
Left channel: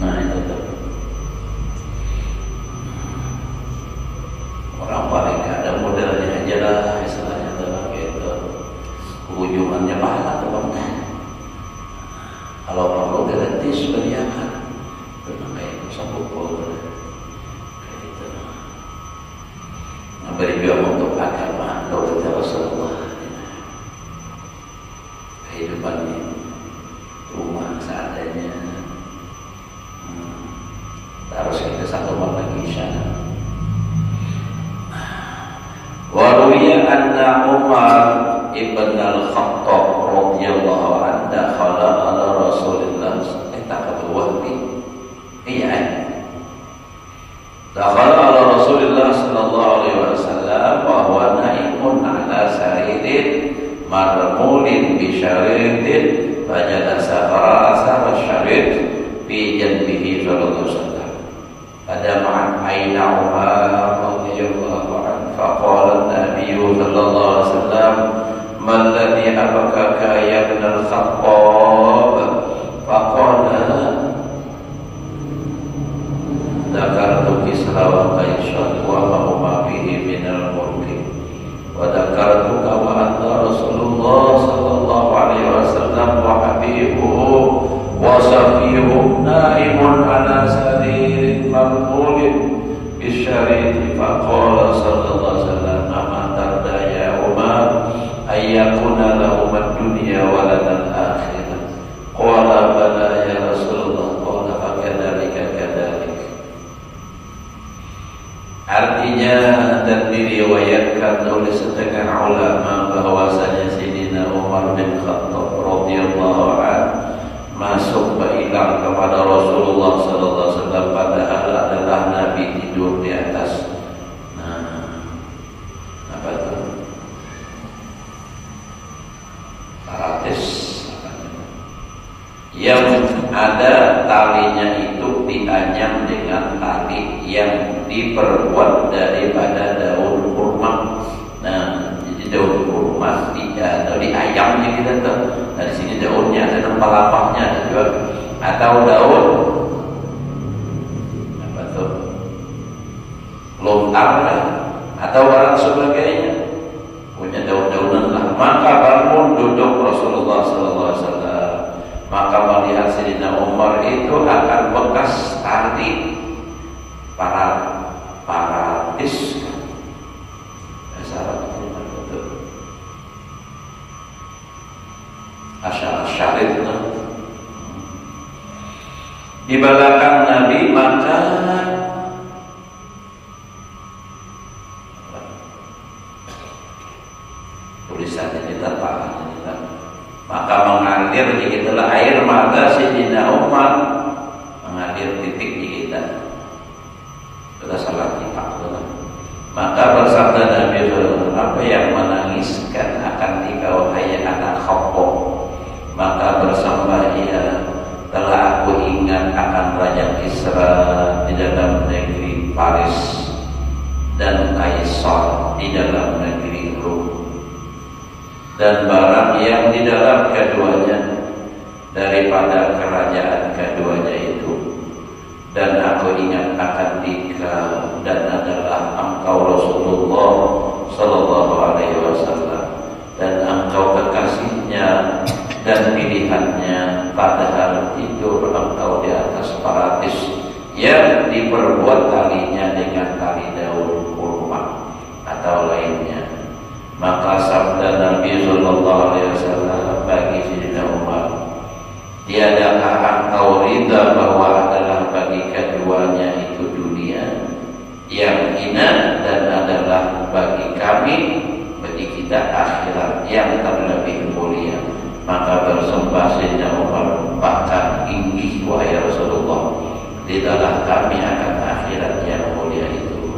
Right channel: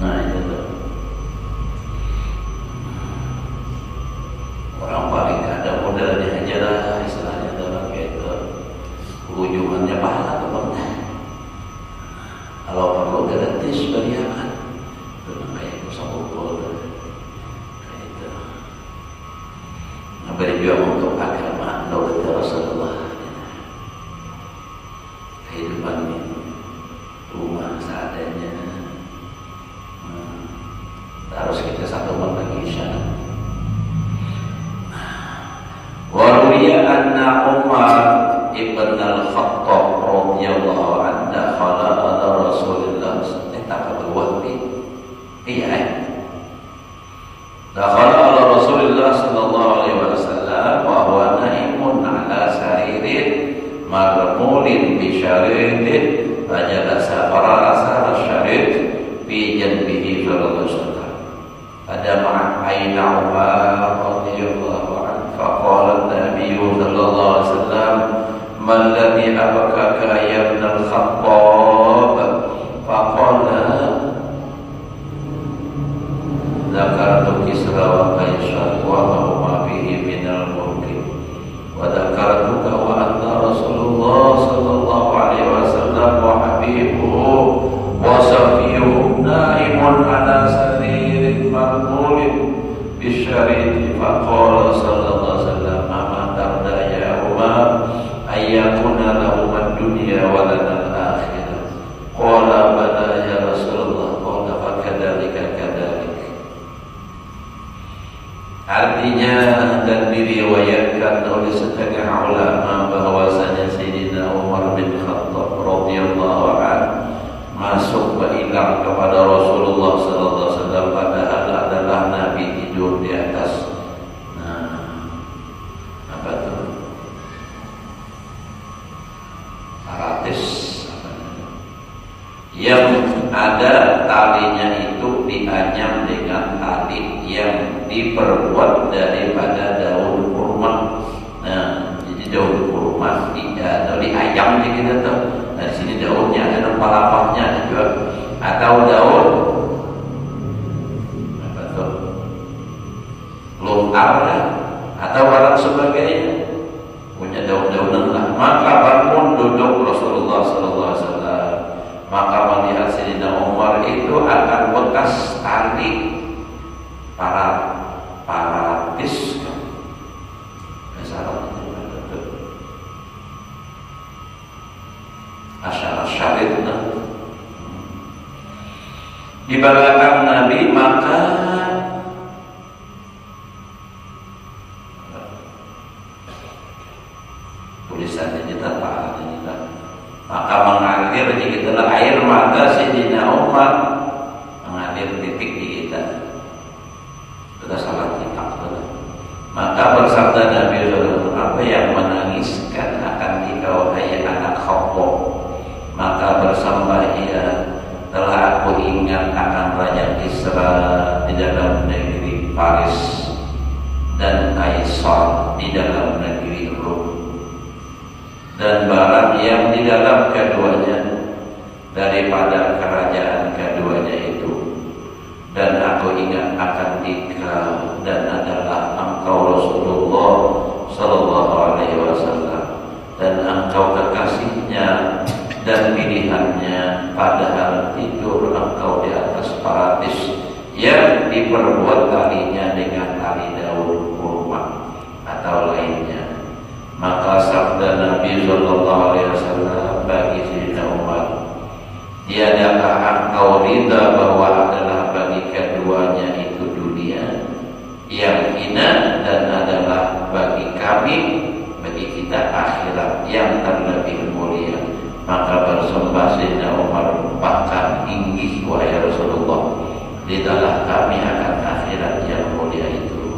Nah itu tuh orang paling ada modelnya aja lah istilahnya tuh gitu hubungannya pahala tuh kalau perlu gratis beriakan tuh kayak sabukul kayak itu berjuang untuk agama menurut Rasulullah kehidupannya rumah seadanya. Harus kita satu lagi insya Allah. Waruya anna Umar ibn al-Khattab radhiyallahu anhu dakhala ala Rasulillah sallallahu alaihi wasallam wa huwa naimun ala saririn marmulin bi syaridin fajalasa farasa syarid sallallahu alaihi wasallam. Pada ma'aina Umar radhiyallahu anhu faqala Nabi sallallahu alaihi wasallam man ladzi abakaka ya ibn al-Khattab faqala dzakartu Kisra wa Qaisar wa ma huma fihi min al-mulki wa dzakartuka wa anta Rasulullah sallallahu alaihi wasallam wa habibuhu wa safiyuhu naimun ala saririn marmulin bisyariti faqala sallallahu alaihi wasallam ama tarda ya Umar ayyakuna lahum ad-dunya wa lana al-akhirah qala bala ya Rasulullah qala fakadzalika kadzalik. Artinya dan diriwayatkan oleh setengah ulama bahwasanya Sayyidina Umar bin Khattab radhiyallahu anhu masuk beriman kepada Rasulullah sallallahu alaihi wasallam padahal adalah Nabi tidur di atas paratis yang ada talinya itu dianyam dengan tali yang diperbuat daripada daun kurma. Nah, jadi daun kurma atau diayam kita tuh. Nah, di sini daunnya ada kelapanya ada juga atau daun apa tuh lontar atau barang sebagainya punya daun-daunan lah. Maka bangun duduk Rasulullah sallallahu alaihi wasallam. Maka melihat Sayyidina Umar itu akan bekas tali paratis syarit di belakang Nabi, maka tulisannya kita paham ini, maka mengalir di kita air mata Sayyidina Umar mengalir titik di kita. Sudah salah kita. Maka bersabda Nabi SAW, apa yang menangiskan akan dikau hai anak Khattab? Maka bersambah ia, telah aku ingat akan Raja Kisra di dalam negeri Paris dan Kaisar di dalam negeri Rum, dan barang yang di dalam keduanya daripada kerajaan keduanya itu. Dan aku ingat akan dikau dan adalah engkau Rasulullah sallallahu alaihi wasallam, dan engkau kekasihnya dan pilihannya, padahal tidur engkau di atas paratis yang diperbuat talinya dengan tali daun kurma atau lainnya. Maka sabda Nabi sallallahu alaihi wasallam bagi Sayyidina Umar, tiadakah engkau rida bahwa adalah bagi keduanya itu dunia yang hina, dan adalah bagi kami, bagi kita akhirat yang terlebih mulia. Maka bersembah Sayyidina Umar, bahkan inggih wahai Rasulullah, tidaklah kami akan akhirat yang mulia itu.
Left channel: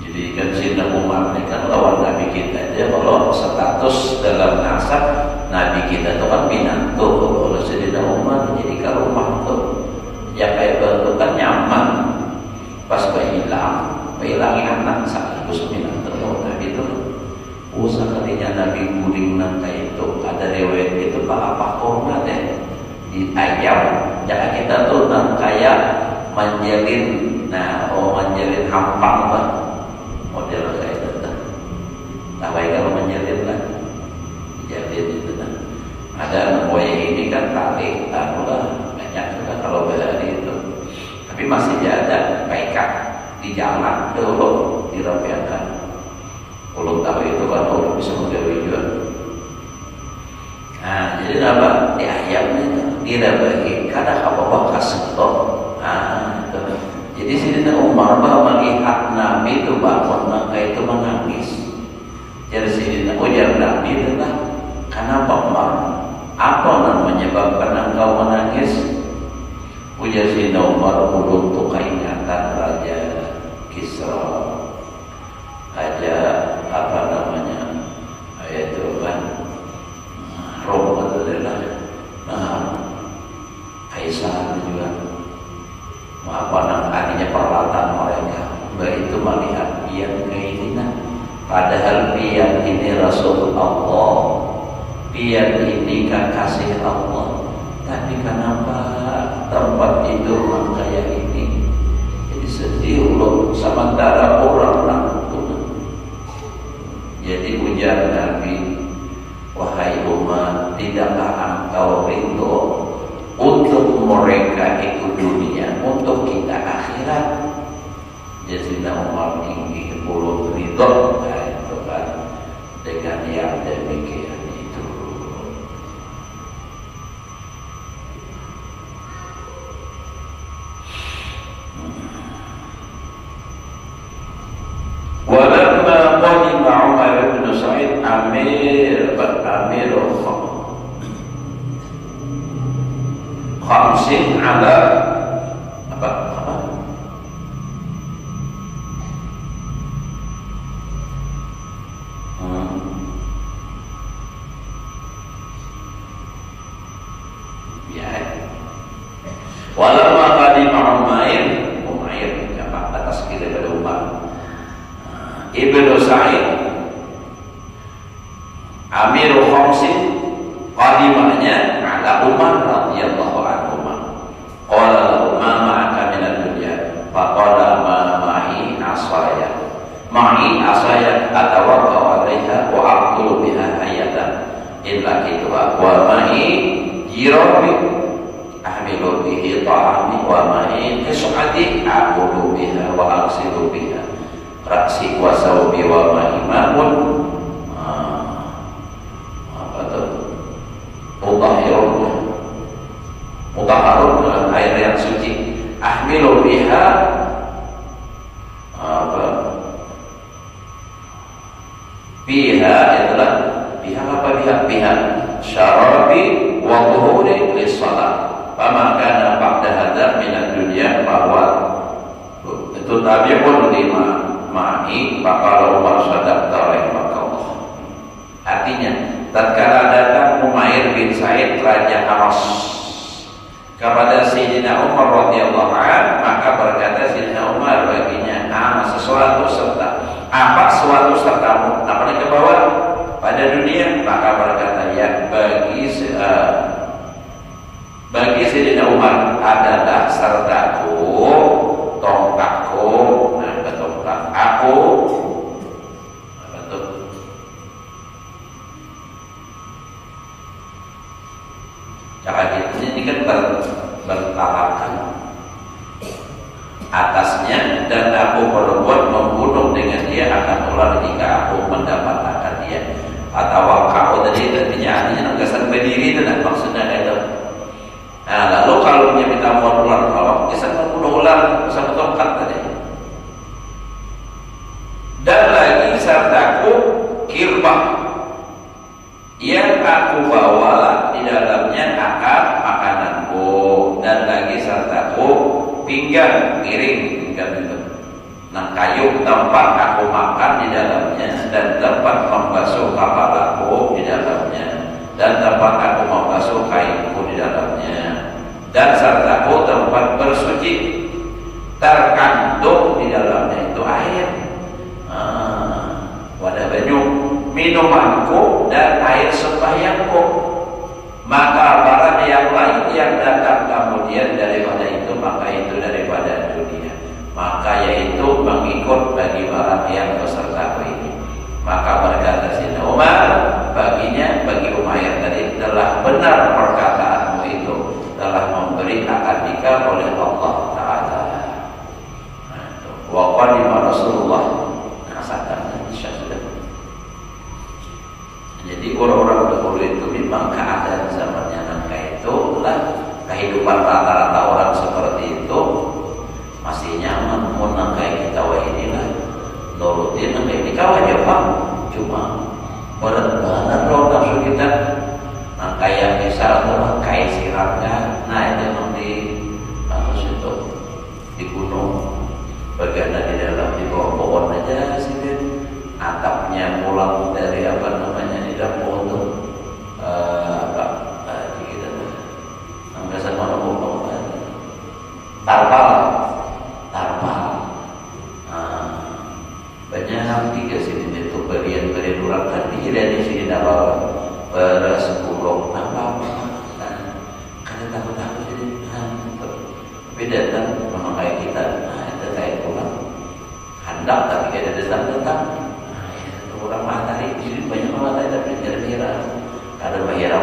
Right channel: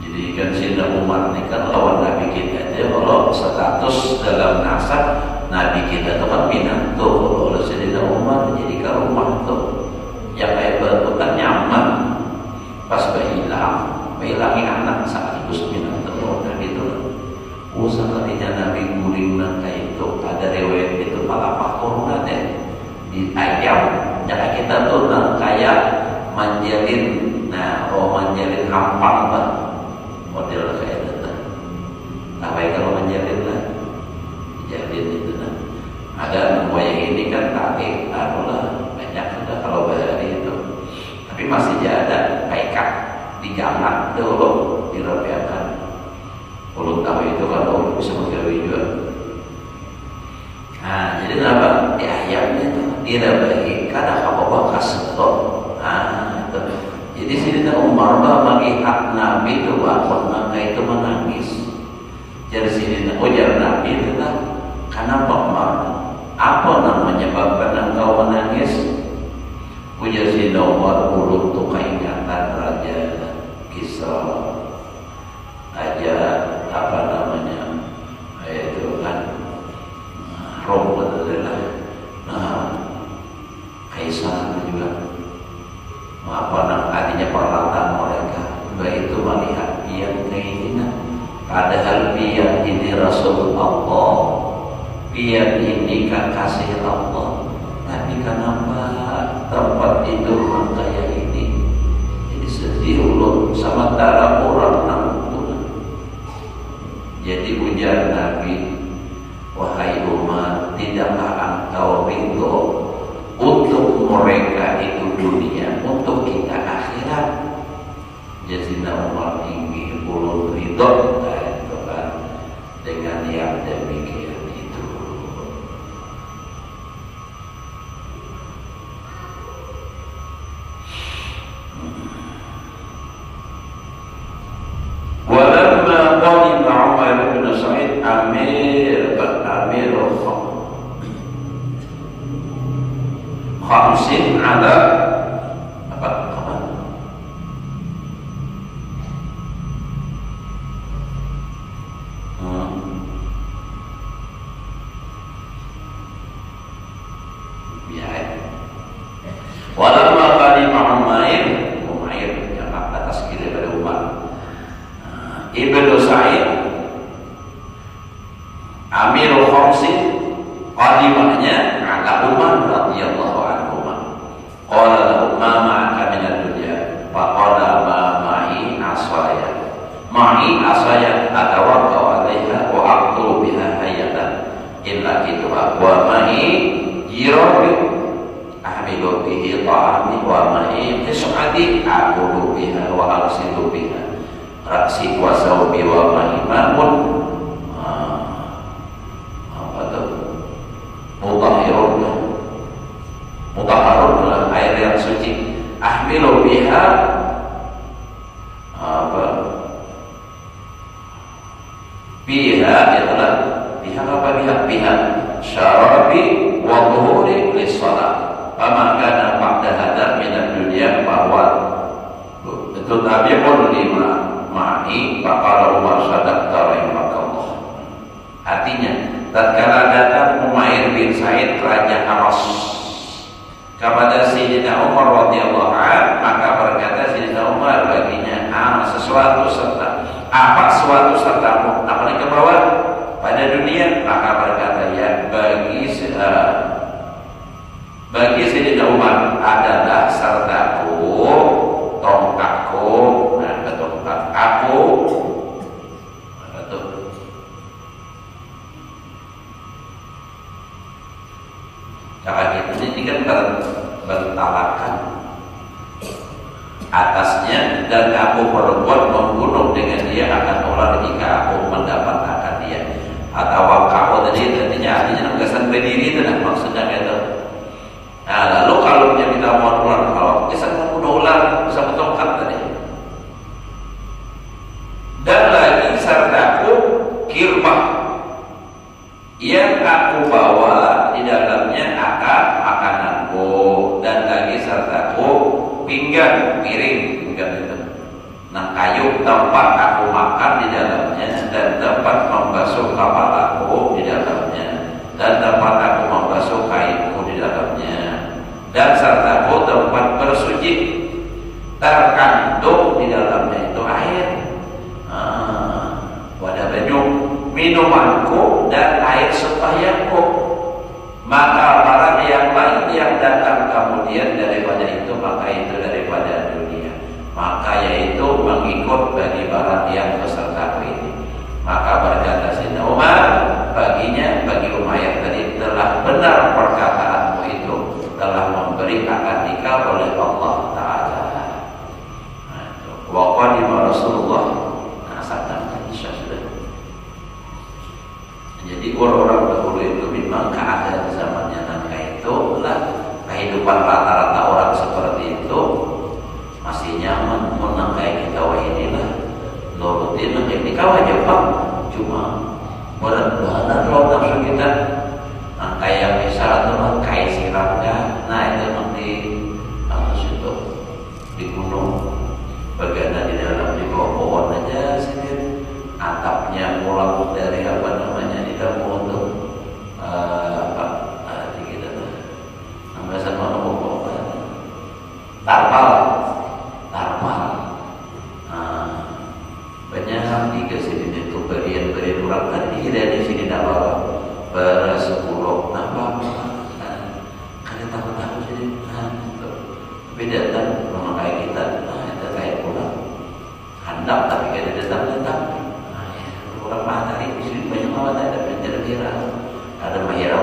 Jadi kan Sayyidina Umar ini kan lawan Nabi kita aja, kalau status dalam nasab Nabi kita itu kan pinatu. Kalau Sayyidina Umar jadi ke rumah tuh yang kayak begitu kan nyaman. Pas hilangin anak saat itu sepinatu Nabi itu. Usah ketika Nabi guling nanti itu ada rewet itu apa korma deh di ayam. Jangan kita tuh kayak manjalin, manjalin hampang lah model kayak itu. Nah baik kalau manjalin lah, jalin itu nah. Ada buaya ini kan tarik, udah banyak sudah kalau berani itu. Tapi masih ada kaikat di jalan dulu dirapikan. Kalau tahu itu kan orang bisa menggawe juga. Nah, jadi apa? Di ayamnya kira bagi kada apa-apa kasut. Nah, itu. Jadi Sayyidina Umar melihat Nabi itu waktu maka itu menangis. Jadi Sayyidina ujar Nabi itu lah, kenapa Umar? Apa namanya menyebabkan engkau menangis? Ujar Sayyidina Umar, mulut tuh ingatan Raja Kisra. Raja apa namanya itu kan Rom adalah Kaisar dia ini kekasih Allah, tapi kenapa tempat itu kayak ini? Jadi sedih loh, sementara orang langsung. Jadi ujar Nabi, wahai umat, tidakkah engkau ridho untuk mereka itu dunia, untuk kita akhirat? Jadi Umar ingin belum ridho dengan yang demikian itu. Walamma qadima Umar bin Sa'id Amir khamsin ala apa? Walamma qadima Umair yang atas kita dari Umar Ibnu Sa'id Amirul Khamsin qadimahnya ala Umar radhiyallahu anhu. Qala lahu ma ma'aka min ad-dunya faqala ma ma'i asaya atawaqqa'u 'alaiha wa aqtulu biha hayatan illa kitwa wa ma'i jirabi ahmilu bihi ta'ami wa ma'i tis'ati aqulu biha wa aksilu biha raksi wa sawbi wa ma'i ma'un mutahharun dalam air yang suci. Ahmilu biha biha adalah biha syarabi wa dhuhuri lis-shalah fama kana ba'da hadza min ad-dunya bahwa itu tabi'un lima ma'i faqala Umar sadaqta rahimakallah. Artinya tatkala datang Umair bin Sa'id raja Aras kepada Sayyidina Umar radhiyallahu anhu, maka berkata Sayyidina Umar baginya sesuatu serta apa suatu serta apa yang kebawa pada dunia, maka berkata ya bagi Sayyidina Umar adalah sertaku, tongkatku, tongkat aku. Cara ini kan bertalakan atasnya, dan aku berbuat membunuh dengan dia akan ular jika aku mendapatkan dia. Atau wakau tadi artinya nugasan berdiri itu dan maksudnya itu. Nah lalu kalau kita mau ular awak bisa membunuh ular bisa ketongkat tadi. Dan lagi sertaku kirbah yang aku bawa di dalamnya akan makananku, dan lagi sertaku pinggan piring itu. Nah kayu tempat aku makan di dalamnya, dan tempat membasuh kepalaku di dalamnya, dan tempat aku membasuh kainku di dalamnya, dan sertaku tempat bersuci, terkandung di dalamnya itu air, wadah banyu, minumanku dan air sembahyangku. Maka barang yang lain yang datang kemudian daripada itu, maka itu daripada dunia, maka yaitu mengikut bagi barang yang besertaku ini. Maka berkata Sayyidina Umar baginya, bagi Umayyah tadi, telah benar perkataanmu itu, telah memberi akad nikah oleh Allah Ta'ala. Wa qadima Rasulullah Jadi orang-orang dahulu itu memang keadaan zamannya nangka itu lah, kehidupan rata-rata orang seperti itu masih nyaman. Mau nangka kita wah inilah nurutin nangka ini kawan Jepang, cuma berat-berat loh maksud kita nangka yang bisa atau nangka sirangga. Nah itu nanti kasus itu di gunung berganda di dalam di pohon aja sih, atapnya pulang dari apa namanya tidak mau untuk kita sampai sama ngomong tarpal banyak tiga sini itu berian kurang tadi dari sini dalam dan menghilang